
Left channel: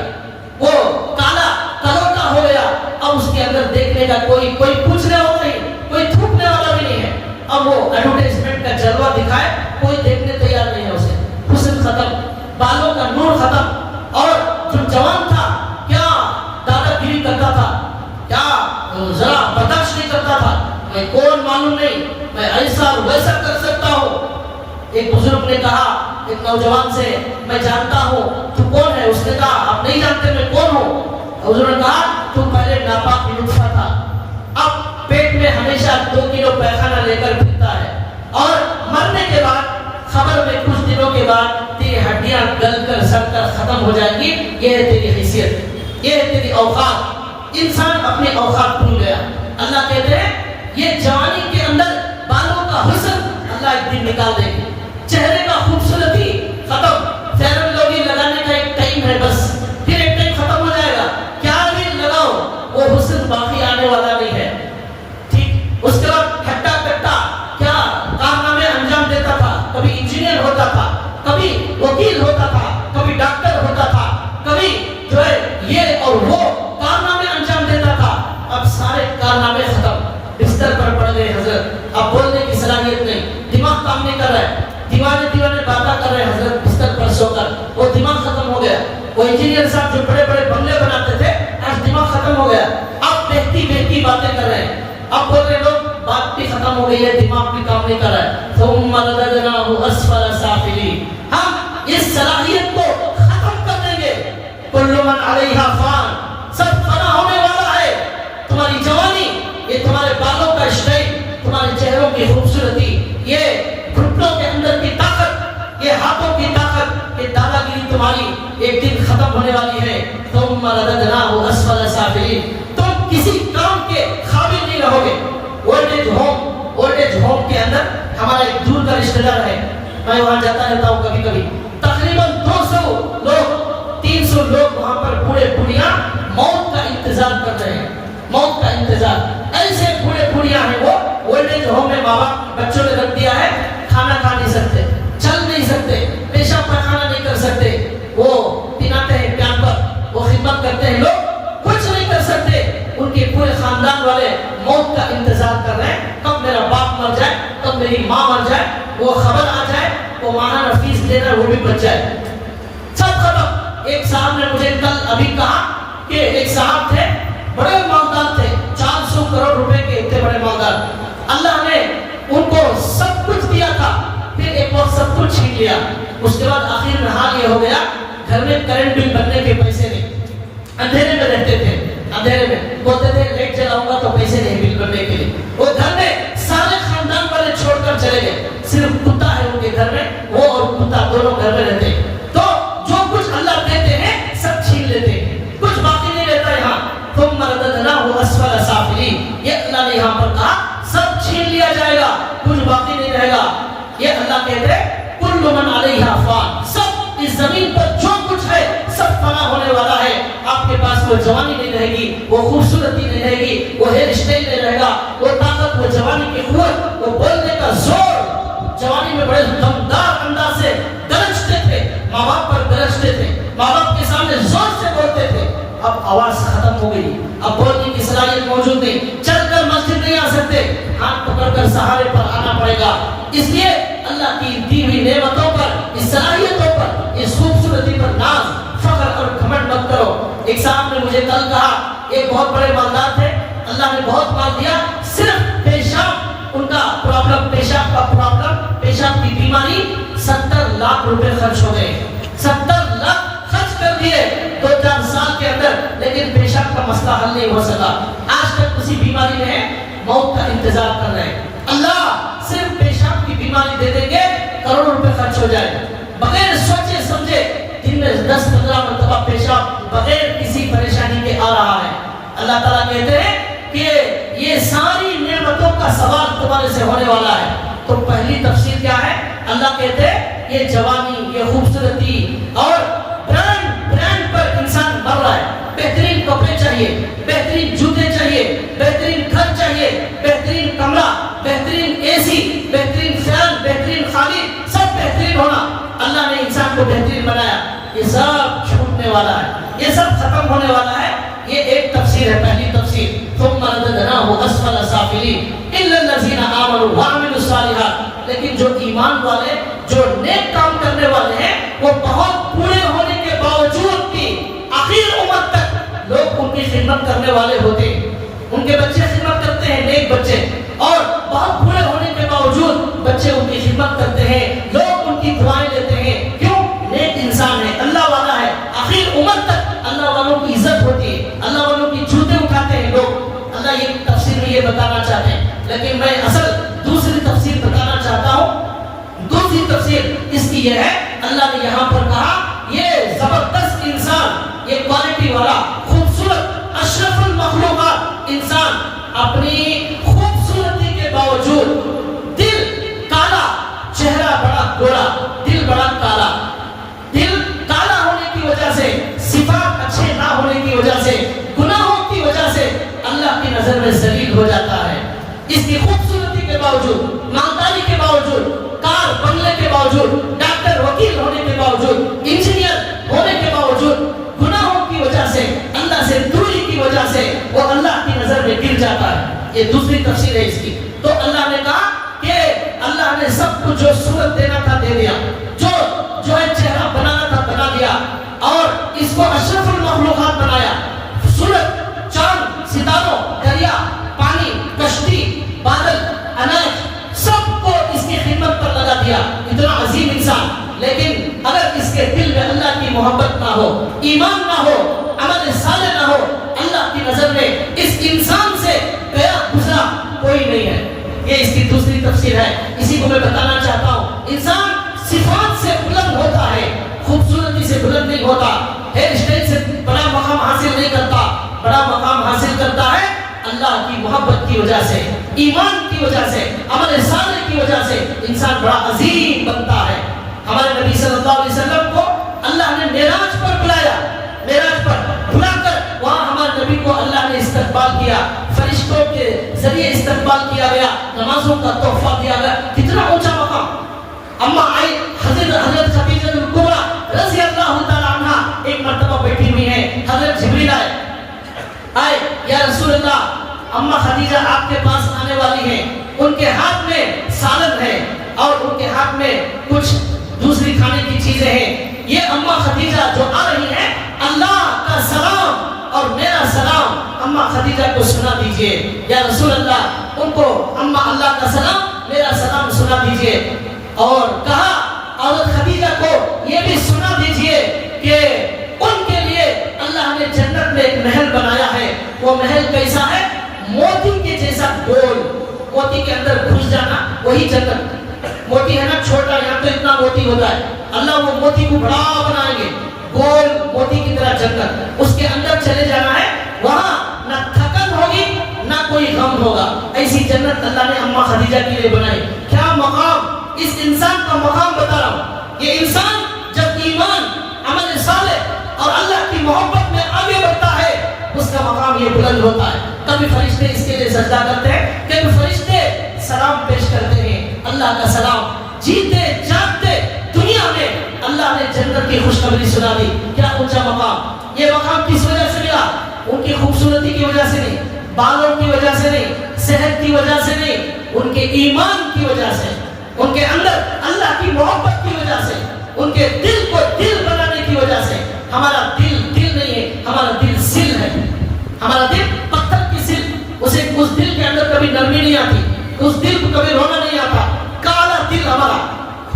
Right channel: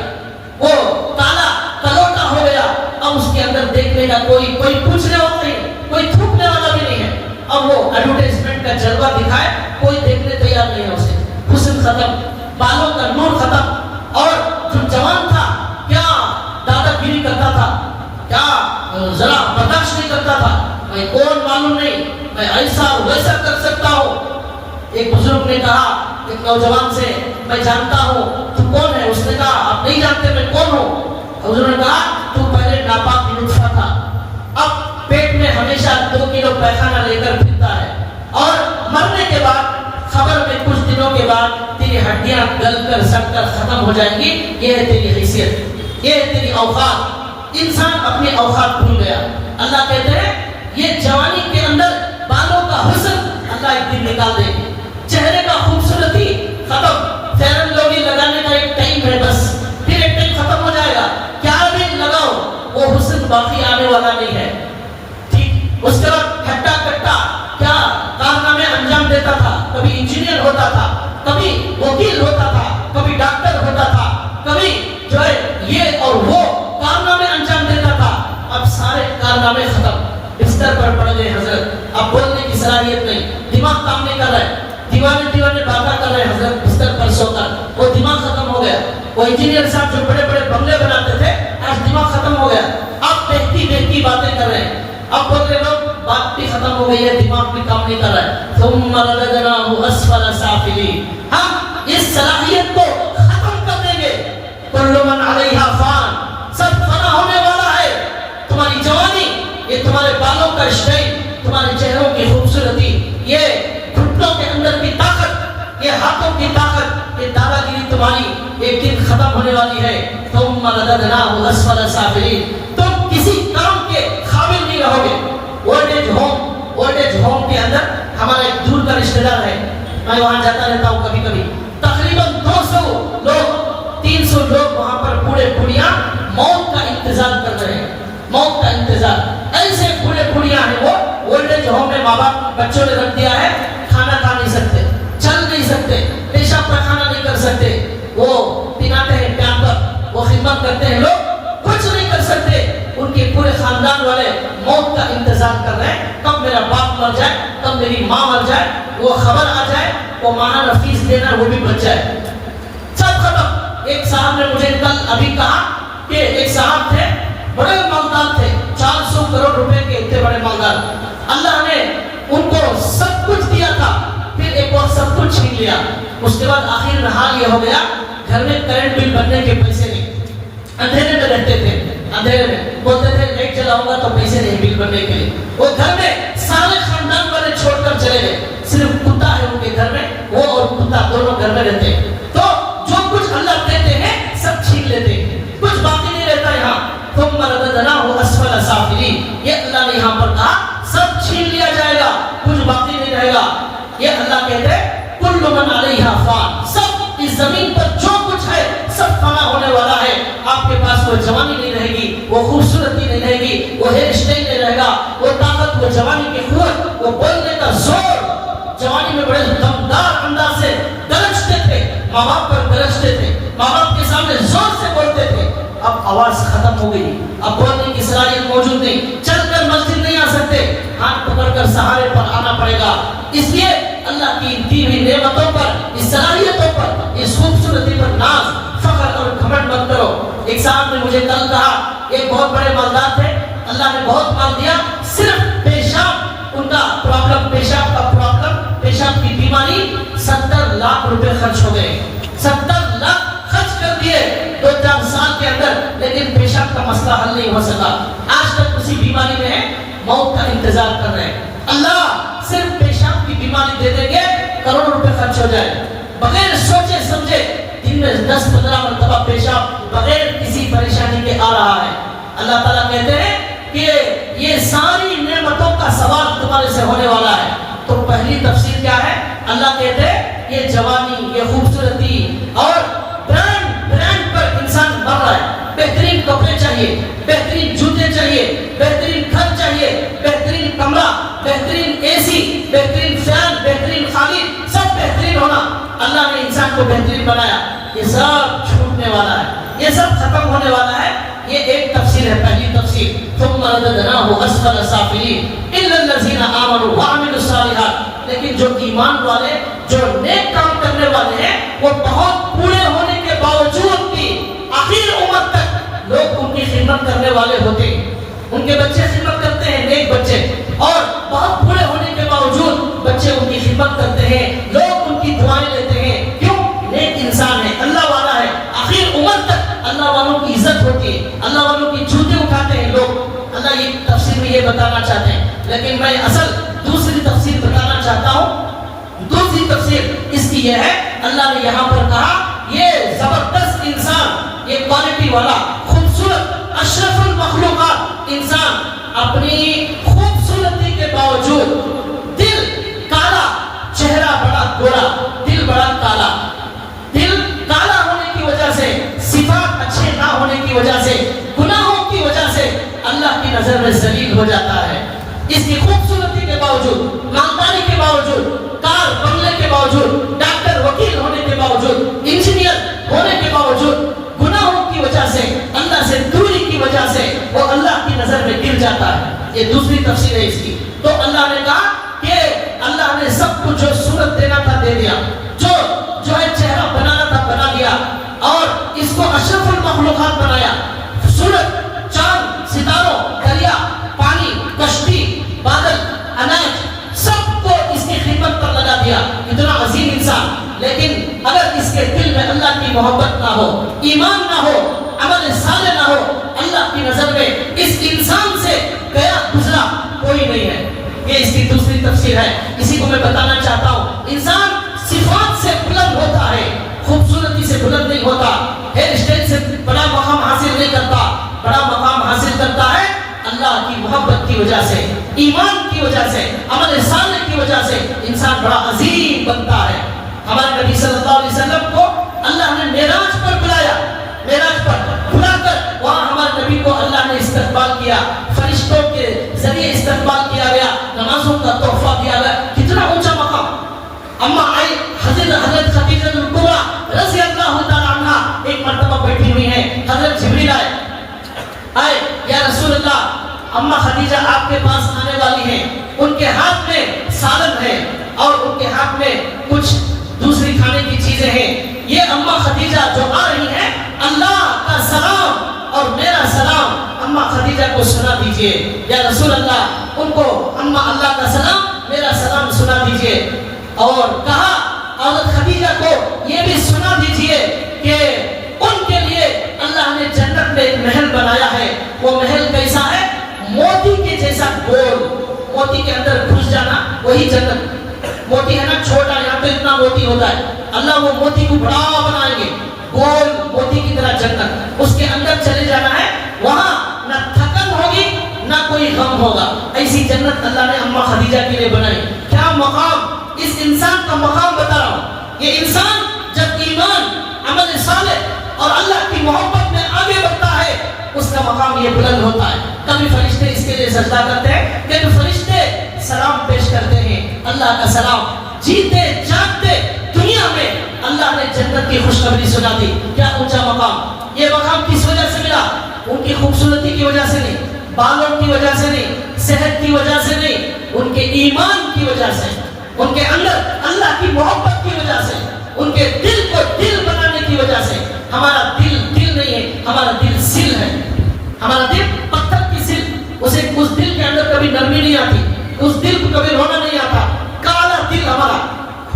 وہ کالا کلوٹا ہو گیا، اب اس کے اندر دیکھنے کا کوئی پوچھنے والا نہیں، کوئی تھوکنے والا بھی نہیں ہے۔ اب وہ ایڈورٹائزمنٹ کا جلوہ دکھائے، کوئی دیکھنے تیار نہیں ہے اسے، حسن ختم، بالوں کا نور ختم۔ اور جو جوان تھا کیا دادا گیری کرتا تھا، کیا میں ایسا اور ویسا کر سکتا ہوں. ایک بزرگ نے کہا ایک نوجوان سے میں جانتا ہوں تو کون ہے. اس نے کہا آپ نہیں جانتے میں کون ہوں. حضور نے کہا تو پہلے ناپاک نطفہ تھا, اب پیٹ میں ہمیشہ 2 کلو پیخانہ لے کر پھرتا ہے, اور مرنے کے بعد خبر میں کچھ دنوں کے بعد تیری ہڈیاں گل کر سڑ کر ختم ہو جائیں گی. یہ ہے تیری حیثیت, یہ ہے تیری اوقات. انسان اپنی اوقات بھول گیا. اللہ کہتے ہیں یہ جوانی کے اندر بالوں کا حسن اللہ ایک دن نکال دے گی. چہرے کا خوبصورتی ختم. فیرن لوگی لگانے کا ایک ٹائم ہے بس, پھر ایک ٹائم ختم ہو جائے گا. کیا بھی لگاؤ وہ حسن باقی آنے والا نہیں ہے. ٹھیک, اس کے بعد ہٹا کٹا کیا کارنامے انجام دیتا تھا. کبھی انجینئر ہوتا تھا, کبھی وکیل ہوتا تھا, کبھی ڈاکٹر ہوتا تھا, کبھی جو ہے یہ اور وہ کارنامے انجام دیتا تھا. اب سارے کارنامے ختم, بستر پر پڑ گئے حضرت. اب بولنے کی صلاحیت نہیں, دماغ کام نہیں کر رہا ہے, دیوانے باتیں کر رہے ہیں حضرت بستر پر سو کر. وہ دماغ ختم ہو گیا. وہ انجینئر صاحب جو بڑے بڑے بنگلے بناتے تھے آج دماغ ختم ہو گیا. اب بہتی بہتی باتیں کر رہے ہیں. اب بول رہے لوگ بات بھی ختم ہو گئی ہے, دماغ بھی کام نہیں کر رہا ہے. ثم رددناه اسفل سافلین. ہم اس صلاحیت کو ختم کر دیں گے. کل من علیہا فان, سب فنا ہونے والا ہے. تمہاری جوانی, یہ تمہارے بالوں کا اسٹائل, تمہارے چہروں کی خوبصورتی, یہ گھٹنوں کے اندر کی طاقت, یہ ہاتھوں کی طاقت, یہ دادا گیری تمہاری ایک دن ختم ہونے والی ہے. ثم رددناه اسفل سافلین. تم کسی کام کے قابل نہیں رہو گے. اولڈ ایج ہوم کے اندر ہمارا ایک دور کا رشتہ دار ہے, میں وہاں جاتا رہتا ہوں کبھی کبھی. تقریباً 200 لوگ 300 لوگ وہاں پر بوڑھے بوڑھیاں موت کا انتظار کر رہے ہیں. موت کا انتظار. ایسے بوڑھے بوڑھیاں ہیں وہ اولڈ ایج ہوم میں ماں باپ بچوں نے رکھ دیا ہے. کھانا کھا نہیں سکتے, چل نہیں سکتے, پیشاب پخانہ نہیں کر سکتے. وہ پلاتے ہیں پیامبر, وہ خدمت کرتے ہیں, لوگ کچھ نہیں کر سکتے. ان کے پورے خاندان والے موت کا انتظار کر رہے ہیں. کب میرا باپ مر جائے, کب میری ماں مر جائے, وہ خبر آ جائے, وہ ماہانہ فیس دینا وہ بھی بچ جائے. سب ختم. ایک صاحب نے مجھے کل ابھی کہا کہ ایک صاحب تھے, بڑے مالدار تھے, 400 کروڑ روپے کے اتنے بڑے مالدار. اللہ نے ان کو سب کچھ دیا تھا, پھر ایک وقت سب کچھ چھین لیا. اس کے بعد آخر میں حال یہ ہو گیا, گھر میں کرنٹ بل بھرنے کے پیسے نہیں. اندھیرے میں رہتے تھے, اندھیرے میں بولتے تھے لائٹ جلاؤں گا تو پیسے نہیں بل بھرنے کے لیے. وہ گھر میں سارے خاندان والے چھوڑ کر چلے گئے, صرف کتا ہے ان کے گھر میں, وہ اور کتا دونوں گھر میں رہتے. تو جو کچھ اللہ دیتے ہیں سب چھین لیتے, کچھ باقی نہیں رہتا یہاں. ثم رددناه اسفل سافلین. یہ اللہ نے یہاں پر کہا سب چھین لیا جائے گا, کچھ باقی نہیں رہے گا. یہ اللہ کہتے ہیں کل من علیہا فان, سب اس زمین پر جو کچھ ہے سب فنا ہونے والا ہے. آپ کے پاس وہ جوانی نہیں رہے گی, وہ خوبصورتی نہیں رہے گی, وہ ہیئر اسٹائل نہیں رہے گا, وہ طاقت, وہ جوانی کی قوت, وہ بولنے کا زور. جوانی میں بڑے دمدار انداز سے گرجتے تھے, ماں باپ پر گرجتے تھے, ماں باپ کے سامنے زور سے بولتے تھے. اب آواز ختم ہو گئی, اب بولنے کی صلاحیت موجود نہیں, چل کر مسجد نہیں آ سکتے, ہاتھ پکڑ کر سہارے پر آنا پڑے گا. اس لیے اللہ کی دی ہوئی نعمتوں پر, اس صلاحیتوں پر, اس خوبصورتی پر ناز, فخر اور گھمنڈ مت کرو. ایک صاحب نے مجھے کل کہا, ایک بہت بڑے مالدار تھے, اللہ نے بہت مال دیا, صرف پیشاب ان کا پرابلم, پیشاب کا پرابلم, پیشاب کی بیماری, 70 لاکھ روپے خرچ ہو گئے. 70 لاکھ خرچ کر دیے 2-4 سال کے اندر, لیکن پیشاب کا مسئلہ حل نہیں ہو سکا. آج تک اسی بیماری میں موت کا انتظار کر رہے ہیں. اللہ صرف پیشاب کی بیماری دے دیں گے, کروڑ روپے خرچ ہو جائے, بغیر سوچے سمجھے. دن میں 10-15 مرتبہ پیشاب بغیر کسی پریشانی کے آ رہا ہے. اللہ تعالیٰ کہتے ہیں کہ یہ ساری نعمتوں کا سوال تمہارے سے ہونے والا ہے. تو پہلی تفسیر کیا ہے؟ اللہ کہتے ہیں یہ جوانی, یہ خوبصورتی اور برانڈ پر انسان مر رہا ہے. بہترین کپڑے چاہیے, بہترین جوتے چاہیے, بہترین گھر چاہیے, بہترین کمرہ, بہترین اے سی, بہترین فین, بہترین قالین, سب بہترین ہونا. اللہ نے انسان کو بہترین بنایا, یہ سب چھوٹنے والا ہے, یہ سب ختم ہونے والا ہے. یہ ایک تفسیر ہے, پہلی تفسیر. ثم رددناه اسفل سافلین الا الذين آمنوا وعملوا الصالحات. لیکن جو ایمان والے, جو نیک کام کرنے والے ہیں, وہ بہت بوڑھے ہونے کے باوجود بھی آخر عمر تک لوگ ان کی خدمت کرنے والے ہوتے ہیں. ان کے بچے خدمت کرتے ہیں, نیک بچے, اور بہت بوڑھے ہونے کے باوجود ہے، اللہ والا ہے، آخر عمر تک اللہ والوں کی عزت ہوتی ہے، اللہ والوں کی جوتے اٹھاتے ہیں لوگ. اللہ یہ تفسیر میں یہ بتانا چاہتے ہیں، لیکن میں اصل دوسری تفسیر بتانا چاہتا ہوں. دوسری تفسیر اس کی یہ ہے، اللہ نے یہاں پر کہا یہ زبردست انسان، یہ کوالٹی والا خوبصورت اشرف المخلوقات انسان اپنی خوبصورتی کے باوجود دل کالا، چہرہ بڑا گوڑا، دل بڑا کالا، دل کالا ہونے کی وجہ سے، صفات اچھے نہ ہونے کی وجہ سے، گناہوں کی وجہ سے اللہ کی نظر میں ذلیل ہو جاتا ہے. اس کی خوبصورتی کے باوجود، مالداری کے باوجود، کار بنگلے کے باوجود، ڈاکٹر وکیل ہونے کے باوجود، انجینئر ہونے کے باوجود، گناہوں کی وجہ سے، اللہ سے دوری کی وجہ سے وہ اللہ کی نظر میں گر جاتا ہے. یہ دوسری تفسیر ہے اس کی. تو اللہ نے کہا کہ اللہ نے سب کو جو صورت دینا تھا دے دیا، جو ہے چہرہ بنانا تھا بنا دیا، اور اس کو اشرف المخلوقات بنایا. سورج، چاند، ستاروں، دریا، پانی، کشتی، بادل، اناج، سب کو اس کی خدمت پر لگا دیا. اتنا عظیم انسان، لیکن اگر اس کے دل میں اللہ کی محبت نہ ہو، ایمان نہ ہو، عمل صالح نہ ہو، اللہ کی نظر میں اس انسان سے گیا گزرا کوئی نہیں ہے. یہ اس کی دوسری تفسیر ہے. اسی کو میں بتانا چاہتا ہوں. انسان صفات سے بلند ہوتا ہے، خوبصورتی سے بلند نہیں ہوتا، ہیئر اسٹائل سے بڑا مقام حاصل نہیں کرتا. بڑا مقام حاصل کرتا ہے اللہ کی محبت کی وجہ سے، ایمان کی وجہ سے، عمل صالح کی وجہ سے انسان بڑا عظیم بنتا ہے. ہمارے نبی صلی اللہ علیہ وسلم کو اللہ نے معراج پر بلایا، معراج پر بلا کر وہاں ہمارے نبی کو اللہ نے استقبال کیا، فرشتوں کے ذریعے استقبال کیا گیا، نمازوں کا تحفہ دیا گیا. کتنا اونچا مقام. اما آئی حضرت خدیجہ الکبریٰ رضی اللہ تعالی عنہ ایک مرتبہ بیٹھی ہوئی ہیں. حضرت جبریل آئے، یا رسول اللہ، اما خدیجہ آپ کے پاس آنے والی ہیں، ان کے ہاتھ میں سالن ہے اور ان کے ہاتھ میں کچھ دوسری کھانے کی چیزیں ہیں. یہ اما خدیجہ جو آ رہی ہیں، اللہ کا سلام اور میرا سلام اما خدیجہ کو سنا دیجئے. یا رسول اللہ، ان کو اما اللہ کا سلام میرا سلام سنا دیجئے. اور کہا عورت خدیجہ کو یہ بھی سنا دیجئے کہ ان کے لیے اللہ نے جنت میں ایک محل بنایا ہے. وہ محل کیسا ہے؟ موتی کے جیسا گول. موتی کے اندر گھس جانا وہی جنت. موتی ہے نا چھوٹا، یہاں پہ اتنا موتی ہوتا ہے، اللہ وہ موتی کو بڑا بنائیں گے، گول موتی کی طرح جنت. اس کے اندر چلے جانا ہے، وہاں نہ تھکن ہوگی نہ کوئی غم ہوگا. ایسی جنت اللہ نے اما خدیجہ کے لیے بنائی. کیا مقام! اس انسان کا مقام بتا رہا ہوں. یہ انسان جب ایمان، عمل صالح اور اللہ کی محبت میں آگے بڑھتا ہے، اس کا مقام یہ بلند ہوتا ہے. تبھی فرشتے اس کے لیے سجدہ کرتے ہیں، کہ فرشتے سلام پیش کرتے ہیں، اللہ کا سلام. جیتے جاگتے دنیا میں اللہ نے جنت کی خوشخبری سنا دی. کیا اونچا مقام! یہ مقام کس وجہ سے ملا؟ ان کی خوبصورتی کی وجہ سے نہیں، بالوں کی وجہ سے نہیں، صحت کی وجہ سے نہیں، ان کے ایمان کی وجہ سے، ان کے اندر اللہ کی محبت کی وجہ سے، ان کے دل کو دل بنانے کی وجہ سے. ہمارا دل نہیں ہے، ہمارا دل سل ہے. ہمارا دل پتھر کی سل. اس دل کے اندر کبھی نرمی نہیں آتی، اس دل کو کبھی رونا نہیں آتا. کالا دل ہمارا،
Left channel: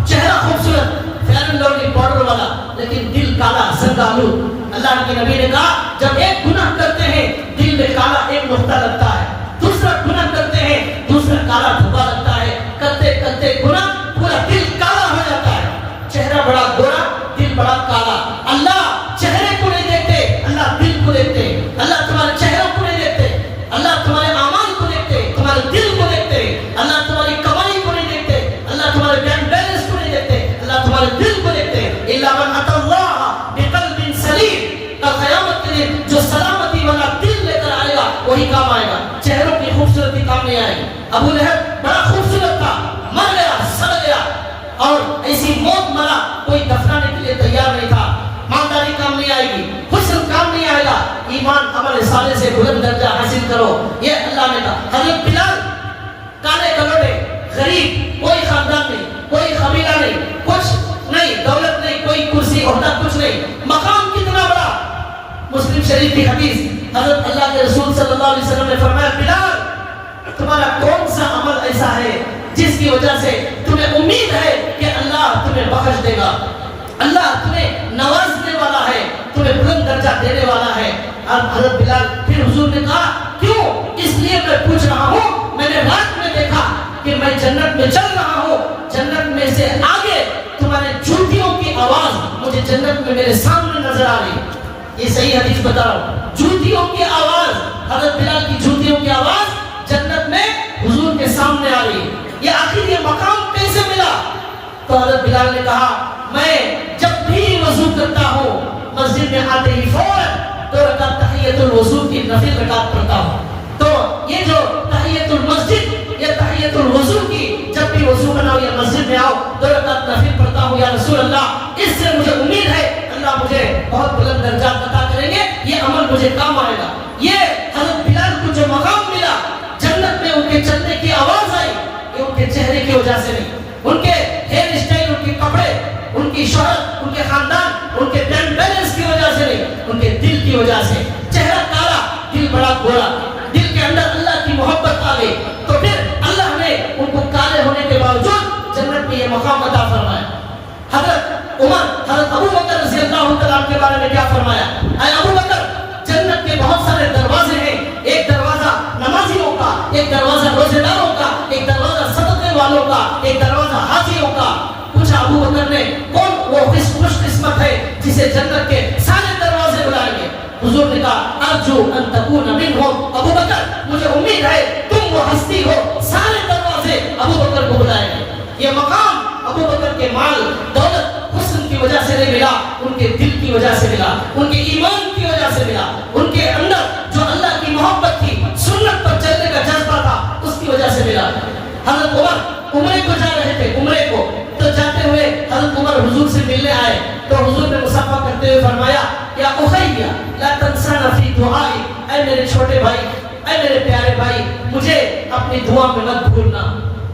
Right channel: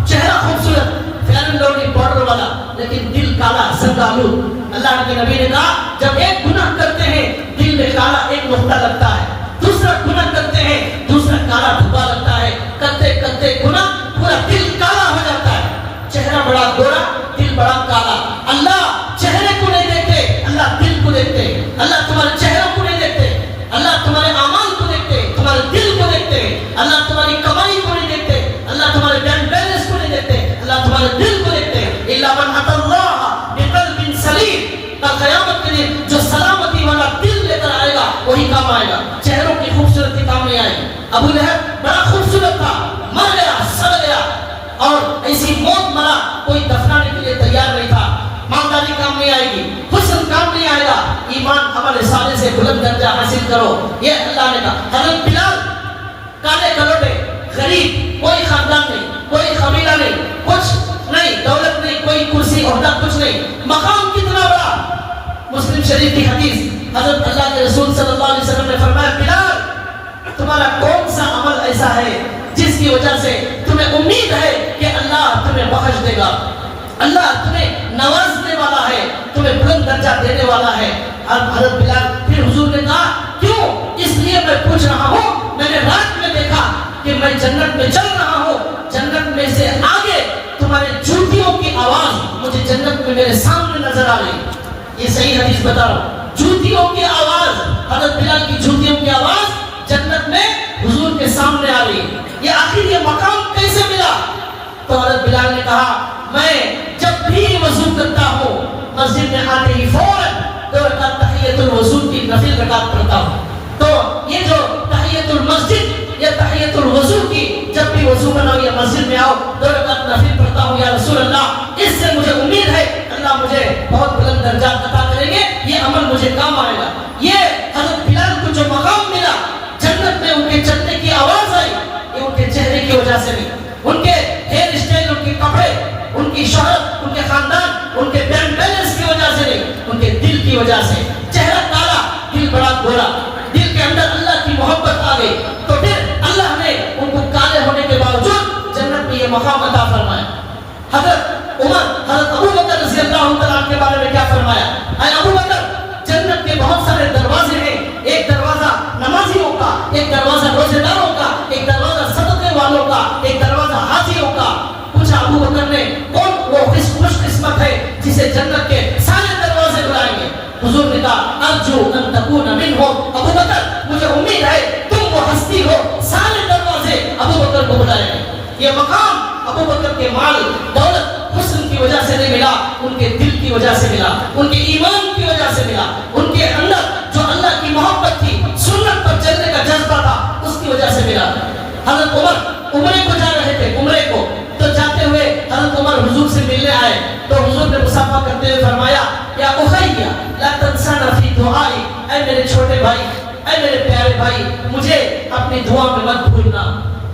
چہرہ خوبصورت، فیرن لوگی پاؤڈر والا، لیکن دل کالا، زندالو. اللہ کے نبی نے کہا جب ایک گناہ کرتے ہیں دل میں کالا ایک نقطہ لگتا ہے، دوسرا گناہ کرتے ہیں دوسرا کالا دھبا لگتا ہے. کرتے کرتے گناہ پورا دل کالا ہو جاتا ہے. چہرہ بڑا گورا، دل بڑا کالا. اللہ چہرے کو نہیں دیکھتے، اللہ دل کو دیکھتے. اللہ تمہارے چہروں کو نہیں دیکھتے، اللہ تمہارے اعمال کو دیکھتے، تمہارے دل کو دیکھتے. اللہ تمہاری کمائی کو نہیں دیکھتے، اللہ تمہارے بینک بیلنس کو نہیں دیکھتے، اللہ تمہارے دل کو دیکھتے. الا من اتى الله بقلب سلیم. قیامت کے دن جو سلامتی والا دل لے کر آئے گا وہی کام آئے گا. چہروں کی خوبصورتی کام نہیں آئے گی. ابو لہب بڑا خوبصورت تھا، مر گیا، سڑ گیا، اور ایسی موت مرا کوئی دفنانے کے لیے تیار نہیں تھا. مالداری کام نہیں آئے گی، حسن کام نہیں آئے گا. ایمان عمل صالح سے بلند درجہ حاصل کرو، یہ اللہ نے کہا. حضرت بلال کالے کلوٹے، غریب، کوئی خاندان نہیں، کوئی قبیلہ نہیں، کچھ نہیں، دولت نہیں، کوئی کرسی عہدہ کچھ نہیں، مقام کتنا بڑا. مسلم شریف کی حدیث، حضرت اللہ کے رسول صلی اللہ علیہ وسلم نے فرمایا بلال تمہارا کون سا عمل ایسا ہے جس کی وجہ سے تمہیں امید ہے کہ اللہ تمہیں بخش دے گا. اللہ تمہیں نوازنے والا ہے، تمہیں بلند درجہ دینے والا ہے۔ اور حضرت بلال پھر حضور نے کہا کیوں؟ اس لیے میں پوچھ رہا ہوں، میں نے رات میں دیکھا کہ میں جنت میں چل رہا ہوں، جنت میں سے آگے تمہارے جوتیوں کی آواز مجھے جنت میں میرے سامنے نظر آ رہی۔ یہ صحیح حدیث بتا رہا ہوں، جوتیوں کی آواز، حضرت بلال کی جوتیوں کی آواز جنت میں حضور کے سامنے آ رہی۔ یہ آخر یہ مقام کیسے ملا؟ تو حضرت بلال نے کہا میں جب بھی وضو کرتا ہوں مسجد میں آتے ہی فوراً 2 رکعت تحیۃ الوضو کی نفل رکعت پڑھتا ہوں۔ تو یہ جو تحیۃ المسجد یا تحیۃ الوضو کی جب بھی وضو بناؤ یا مسجد میں آؤ 2 رکعت نفل پڑھتا ہوں یا رسول اللہ، اس سے مجھے امید ہے اللہ مجھے بہت بلند درجات عطا کریں گے، یہ عمل مجھے کام آئے گا۔ یہ حضرت بلال کو جو مقام ملا جنت میں، ان کے چلنے کی آواز آئی، یہ ان کے چہرے کی وجہ سے نہیں، ان کے ہیئر اسٹائل، ان کے کپڑے، ان کی شہرت، ان کے خاندان، ان کے بینک بیلنس کی وجہ سے نہیں، ان کے دل کی وجہ سے۔ چہرہ کالا، دل بڑا گورا، دل کے اندر اللہ کی محبت آ گئی، تو پھر اللہ نے ان کو کالے ہونے کے باوجود جنت میں یہ مقام عطا فرمایا۔ حضرت عمر، حضرت ابو بکر رضی اللہ تعالیٰ کے بارے میں کیا فرمایا؟ اے ابو بکر، جنت کے بہت سارے دروازے ہیں، ایک دروازہ نمازیوں کا، ایک دروازہ روزے داروں کا، ایک دروازہ صدقے والوں کا، ایک دروازہ حاجیوں کا۔ پوچھا ابو بکر نے کون وہ خوش قسمت ہے جسے جنت کے سارے دروازے بلائیں گے؟ حضور نے کہا ارجو ان تکون منہم، ابو بکر مجھے امید ہے تم وہ ہستی ہو، سارے دروازے ابو بکر کو بلائیں گے۔ یہ مقام ابو بکر کے مال دولت حسن کی وجہ سے نہیں ملا، ان کے دل کی وجہ سے ملا، ان کے ایمان کی وجہ سے ملا، ان کے اندر جو اللہ کی محبت تھی، سنت پر چلنے کا جذبہ تھا، اس کی وجہ سے ملا۔ حضرت عمر عمرے کو جا رہے تھے، عمرے کو، تو جاتے ہوئے حضرت عمر حضور سے ملنے آئے، تو حضور نے مصافحہ کرتے ہوئے فرمایا یا اخی لا تنسانا فی دعائی، اے میرے چھوٹے بھائی، اے میرے پیارے بھائی، مجھے اپنی دعا میں مت بھولنا،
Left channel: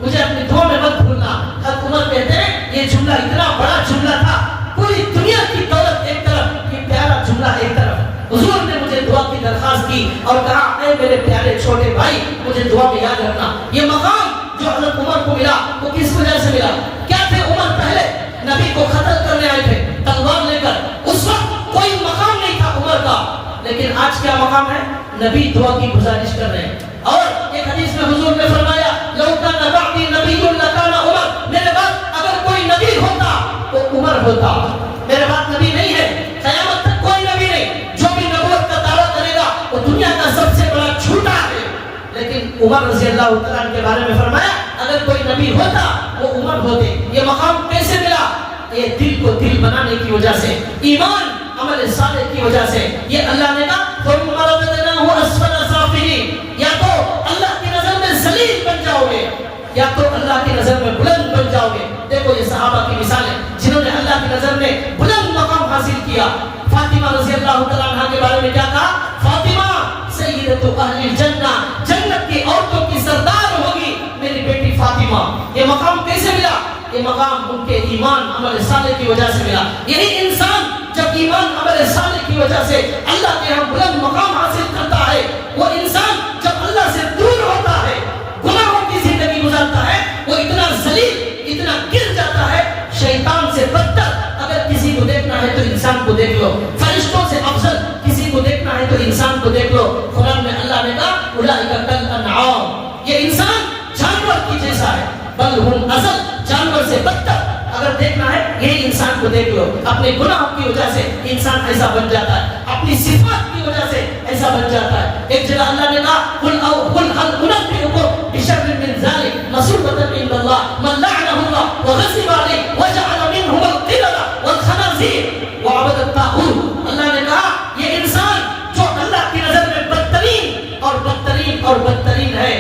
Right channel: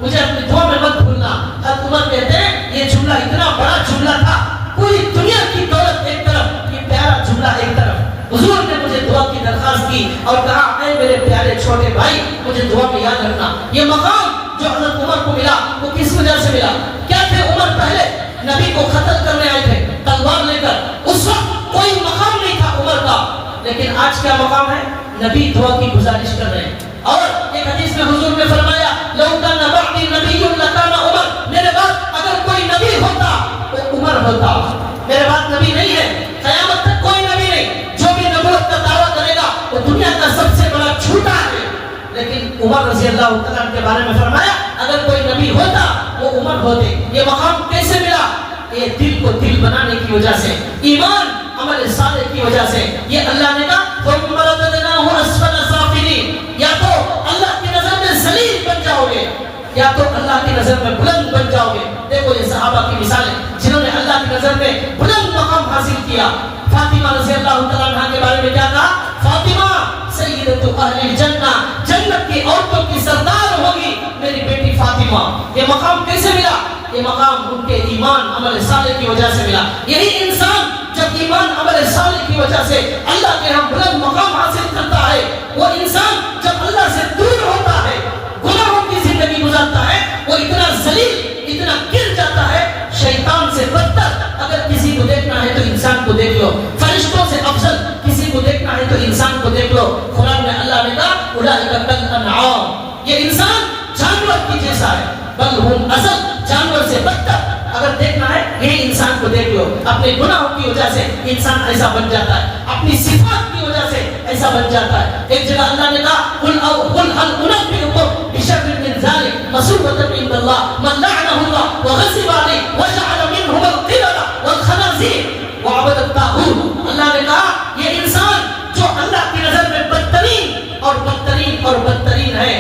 مجھے اپنی دعا میں مت بھولنا۔ حضرت عمر کہتے ہیں یہ جملہ اتنا بڑا جملہ تھا، پوری دنیا کی دولت ایک طرف، یہ پیارا جملہ ایک طرف۔ حضور نے مجھے دعا کی درخواست کی اور کہا اے میرے پیارے چھوٹے بھائی مجھے دعا میں یاد رکھنا۔ یہ مقام جو حضرت عمر کو ملا وہ کس وجہ سے ملا؟ کیا تھے عمر؟ پہلے نبی کو قتل کرنے آئے تھے تلوار لے کر، اس وقت کوئی مقام نہیں تھا عمر کا، لیکن آج کیا مقام ہے؟ نبی دعا کی گزارش کر رہے ہیں۔ اور ایک حدیث میں حضور نے فرمایا لو کان بعدی نبی لکان عمر، میرے بعد اگر کوئی نبی ہوتا تو عمر ہوتا۔ میرے بعد نبی نہیں ہے، قیامت تک کوئی نبی نہیں، جو بھی نبوت کا دعویٰ کرے گا وہ دنیا کا سب سے بڑا جھوٹا ہے۔ لیکن عمر رضی اللہ تعالیٰ کے بارے میں فرمایا اگر کوئی نبی ہوتا وہ عمر ہوتے۔ یہ مقام کیسے ملا؟ یہ دل کو دل بنانے کی وجہ سے، ایمان عمل صالح کی وجہ سے۔ یہ اللہ نے کہا ثم رددناه اسفل سافلین، یا تو اللہ کی نظر میں ذلیل بن جاؤ گے یا تو اللہ کی نظر میں بلند بن جاؤ گے۔ دیکھو یہ صحابہ کی مثالیں جنہوں نے اللہ کی نظر میں بلند مقام حاصل کیا۔ فاطمہ رضی اللہ تعالیٰ عنہا کے بارے میں کیا کہا؟ فاطمہ سیدۃ اہل الجنہ، جنت کی عورتوں کی سردار ہوگی میری بیٹی فاطمہ۔ یہ مقام کیسے ملا؟ یہ مقام ان کے ایمان عمل صالح کی وجہ سے ملا۔ یہی انسان جب ایمان عمل صالح کی وجہ سے اللہ کے ہم بلند مقام حاصل کرتا ہے، وہ انسان جب اللہ سے دور ہوتا ہے، گناہوں کی زندگی گزارتا ہے، وہ اتنا ذلیل، اتنا گر جاتا ہے، شیطان سے بدتر اگر کسی کو دیکھنا ہے تو انسان کو دیکھ لو، فرشتوں سے افضل کسی کو دیکھنا ہے تو انسان کو دیکھ لو۔ قرآن میں اللہ نے کہا اولئک کالانعام، یہ انسان جانور کی جیسا ہے، بل ہم اضل، جانور سے بدتر اگر دیکھنا ہے یہ انسان کو دیکھ لو۔ اپنے گناہوں کی وجہ سے انسان ایسا بن جاتا ہے، اپنی صفات کی وجہ سے ایسا بن جاتا ہے۔ ایک جگہ اللہ نے کہا قل هل انبئكم بشر من ذلك مثوبة عند الله من لعنه الله وغضب عليه وجعل منهم القردة والخنازير وعبد الطاغوت۔ اللہ نے کہا یہ انسان جو اللہ کی نظر میں بدترین اور بدترین اور بدترین ہے،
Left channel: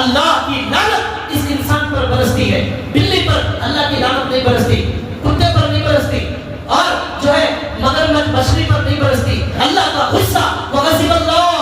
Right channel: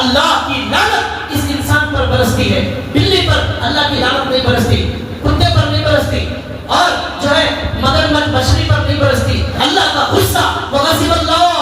اللہ کی لعنت اس انسان پر برستی ہے۔ بلی پر اللہ کی لعنت نہیں برستی، کتے پر نہیں برستی، اور جو ہے مگرمچھ مچھلی پر نہیں برستی۔ اللہ کا غصہ وغضب اللہ،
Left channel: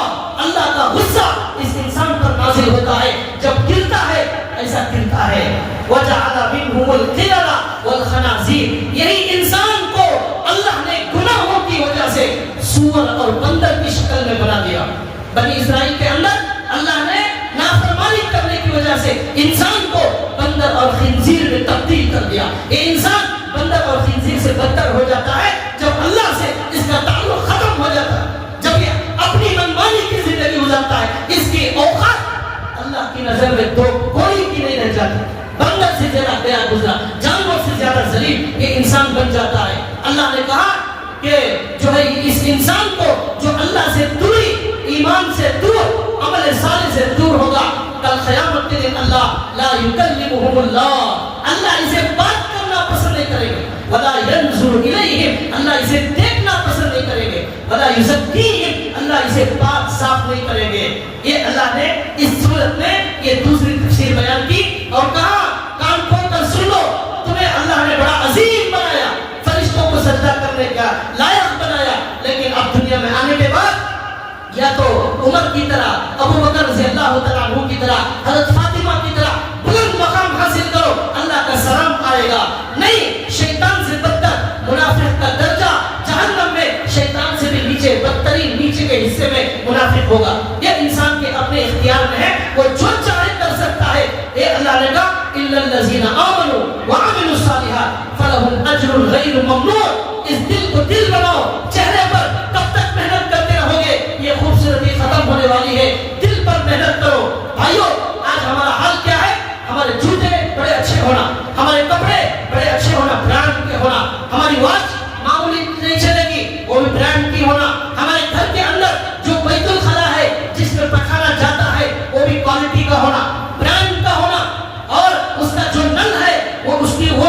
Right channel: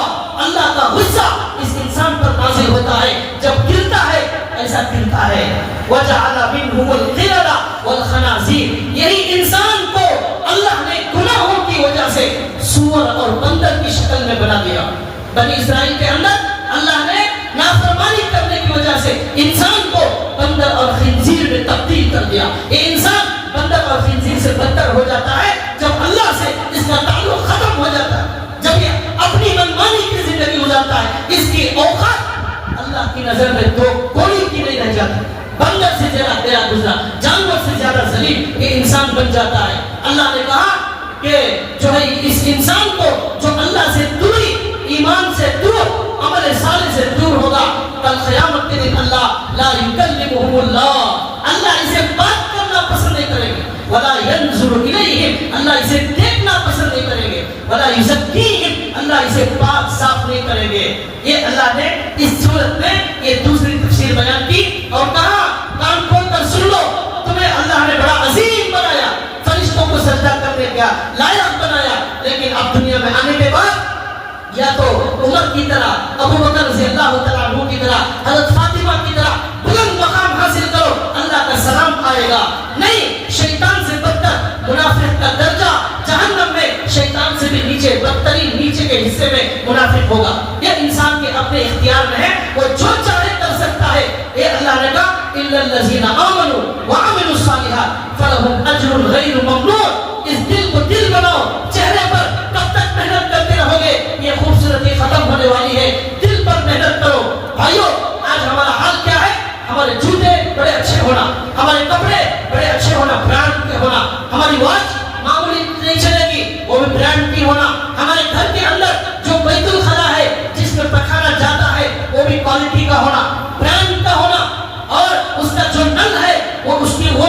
اللہ کا غصہ اس انسان پر نازل ہوتا ہے جب گرتا ہے، ایسا گرتا ہے۔ وجعل منهم القردة والخنازير، یہی انسان کو اللہ نے گناہوں کی وجہ سے سور اور بندر کی شکل میں بنا دیا۔ بنی اسرائیل کے اندر اللہ نے نافرمانی کرنے کی وجہ سے انسان کو بندر اور خنزیر میں تبدیل کر دیا۔ یہ انسان بندر اور خنزیر سے بدتر ہو جاتا ہے جب اللہ سے اس کا تعلق ختم ہو جاتا ہے، جب یہ اپنی منمانی کی زندگی گزارتا ہے، اس کی اوقات اللہ کی نظر میں تو کوئی کی نہیں رہ جاتی، بندر سے زیادہ گیا گزرا، جانور سے زیادہ ذلیل یہ انسان بن جاتا ہے۔ اللہ نے کہا کہ جو ہے اس انسان کو جو اللہ سے دوری، ایمان سے دور، عمل صالح سے دور ہوگا، کل قیامت کے دن اللہ لا یکلمہ اللہ اسے بات کرنا پسند نہیں کریں گے، ولا ینظر الیہم اللہ اسے دیکھنا پسند نہیں کریں گے، ولا یزکیہم اللہ اسے پاک صاف نہیں کریں گے۔ یہ اللہ نے اس صورت میں یہ دوسری تفسیر بیان کی اور کہا کان کھول کر سن لو، تمہیں اللہ نے بڑا عظیم بنایا، فرشتوں کو سجدہ کرنے کا لائق بنایا، لیکن اب دنیا میں آنے کے بعد یا تو عمر کی طرح، ابو بکر رضی اللہ تعالیٰ عنہ کی طرح، حضرت فاطمہ کی طرح بلند مقام حاصل کرو، اللہ کا سلام آئے گا، نہیں شیطان سے بدتر منافق کا درجہ جہنم میں شیطان سے بھی نیچے، بدترین نیچے کے حصے میں منافق ہوگا۔ یہ انسان کے اپنے اختیار میں ہے، وہ جو چاہے کر سکتا ہے۔ یہ اللہ نے کہا الا الذین آمنوا وعملوا الصالحات فلہم اجر غیر ممنون۔ اس دل کو دل بناؤ، چہرے پر کب تک محنت کرتے رہو گے؟ یہ خوبصورتی ختم ہونے والی ہے، دل پر محنت کرو۔ بھائیو آج ہمارا حال کیا ہے؟ ہمارے جوتے بڑے اچھے ہونا، ہمارے کپڑے بڑے اچھے ہونا، برانڈ کے ہونا، ہماری واچ معمولی نہیں چلے گی وہ بھی برانڈ کی ہونا، ہمارے گھر کے اندر جو بیت الخلا ہے جس میں پکھانا جاتا ہے وہ بھی کوالٹی کا ہونا، برانڈ کا ہونا، اور اس کا جو نل ہے وہ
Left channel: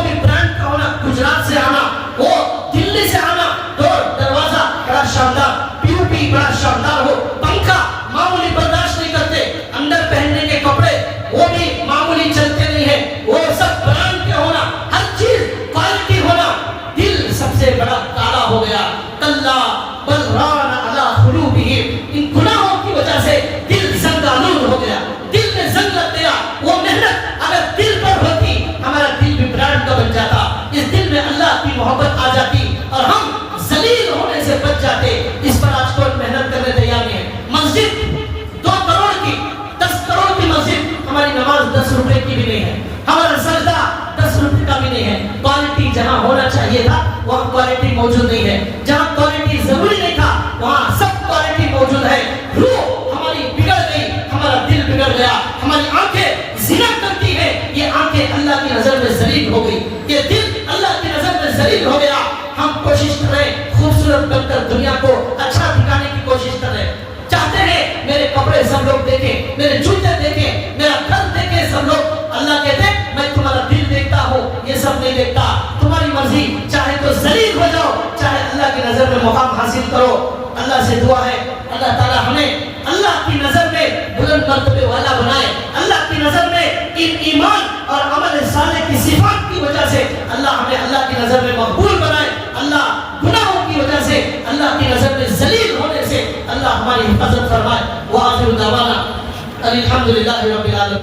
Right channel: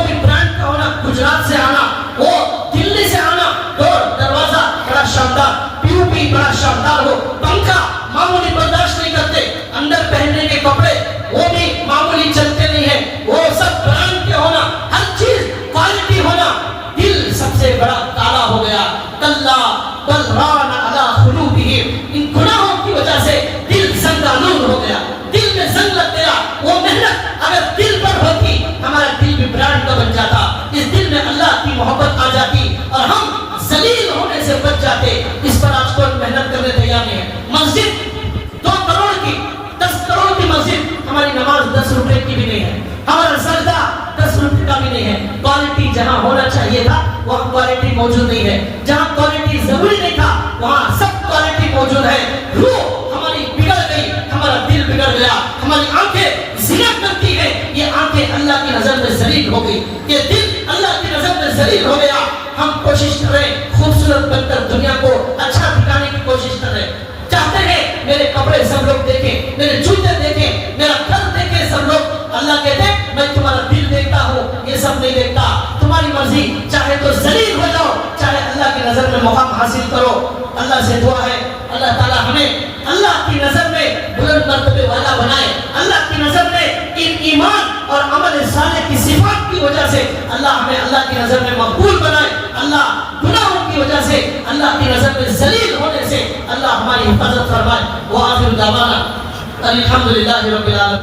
بھی برانڈ کا ہونا، گجرات سے آنا، وہ دلی سے آنا، ڈور دروازہ بڑا شاندار، پی او پی بڑا شاندار ہو، پنکھا معمولی برداشت نہیں کرتے، اندر پہننے کے کپڑے وہ بھی معمولی چلتے نہیں ہیں، وہ سب برانڈ کے ہونا، ہر چیز کوالٹی ہونا۔ دل سب سے بڑا تالا ہو گیا، کلا بل ران علی قلوبہم، ان گناہوں کی وجہ سے دل زنگ آلود ہو گیا، دل میں زنگ لگ گیا۔ وہ محنت اگر دل پر ہوتی ہمارا دل بھی برانڈ کا بن جاتا، اس دل میں اللہ کی محبت آ جاتی اور ہم ذلیل ہونے سے بچ جاتے۔ اس پر آج کوئی محنت کرنے تیار نہیں ہے۔ مسجد 2 کروڑ کی 10 کروڑ کی مسجد، ہماری نماز 10 روپے کی بھی نہیں ہے، ہمارا سجدہ 10 روپے کا بھی نہیں ہے۔ کوالٹی جہاں ہونا چاہیے تھا وہاں کوالٹی موجود نہیں ہے، جہاں کوالٹی ضروری نہیں تھا وہاں سب کوالٹی موجود ہے۔ روح ہماری بگڑ گئی، ہمارا دل بگڑ گیا، ہماری آنکھیں زنا کرتی ہیں، یہ آنکھیں اللہ کی نظر میں ذلیل ہو گئی، یہ دل اللہ کی نظر میں ذلیل ہو گیا۔ ہم کوشش کر رہے ہیں خوبصورت بن کر دنیا کو اچھا دکھانے کی کوشش کر رہے ہیں، چاہتے ہیں میرے کپڑے سب لوگ دیکھیں، میرے جوتے دیکھیں، میرا گھر دیکھیں سب لوگ۔ اللہ کہتے ہیں میں تمہارا دل دیکھتا ہوں، یہ سب نہیں دیکھتا، تمہاری مرضی، چاہے تو ذلیل ہو جاؤ، چاہے اللہ کی نظر میں مقام حاصل کرو۔ اللہ سے دعا ہے اللہ تعالی ہمیں اللہ کی نظر میں بلند مرتبے والا بنائے، اللہ کی نظر میں ان ایمان اور عمل صالح کی صفات کی وجہ سے اللہ ہمیں اللہ کی نظر میں مقبول بنائے، اللہ گناہوں کی وجہ سے اللہ کی نظر میں ذلیل ہونے سے اللہ ہماری حفاظت فرمائے۔ وآخر دعوانا الحمدللہ رب العالمین۔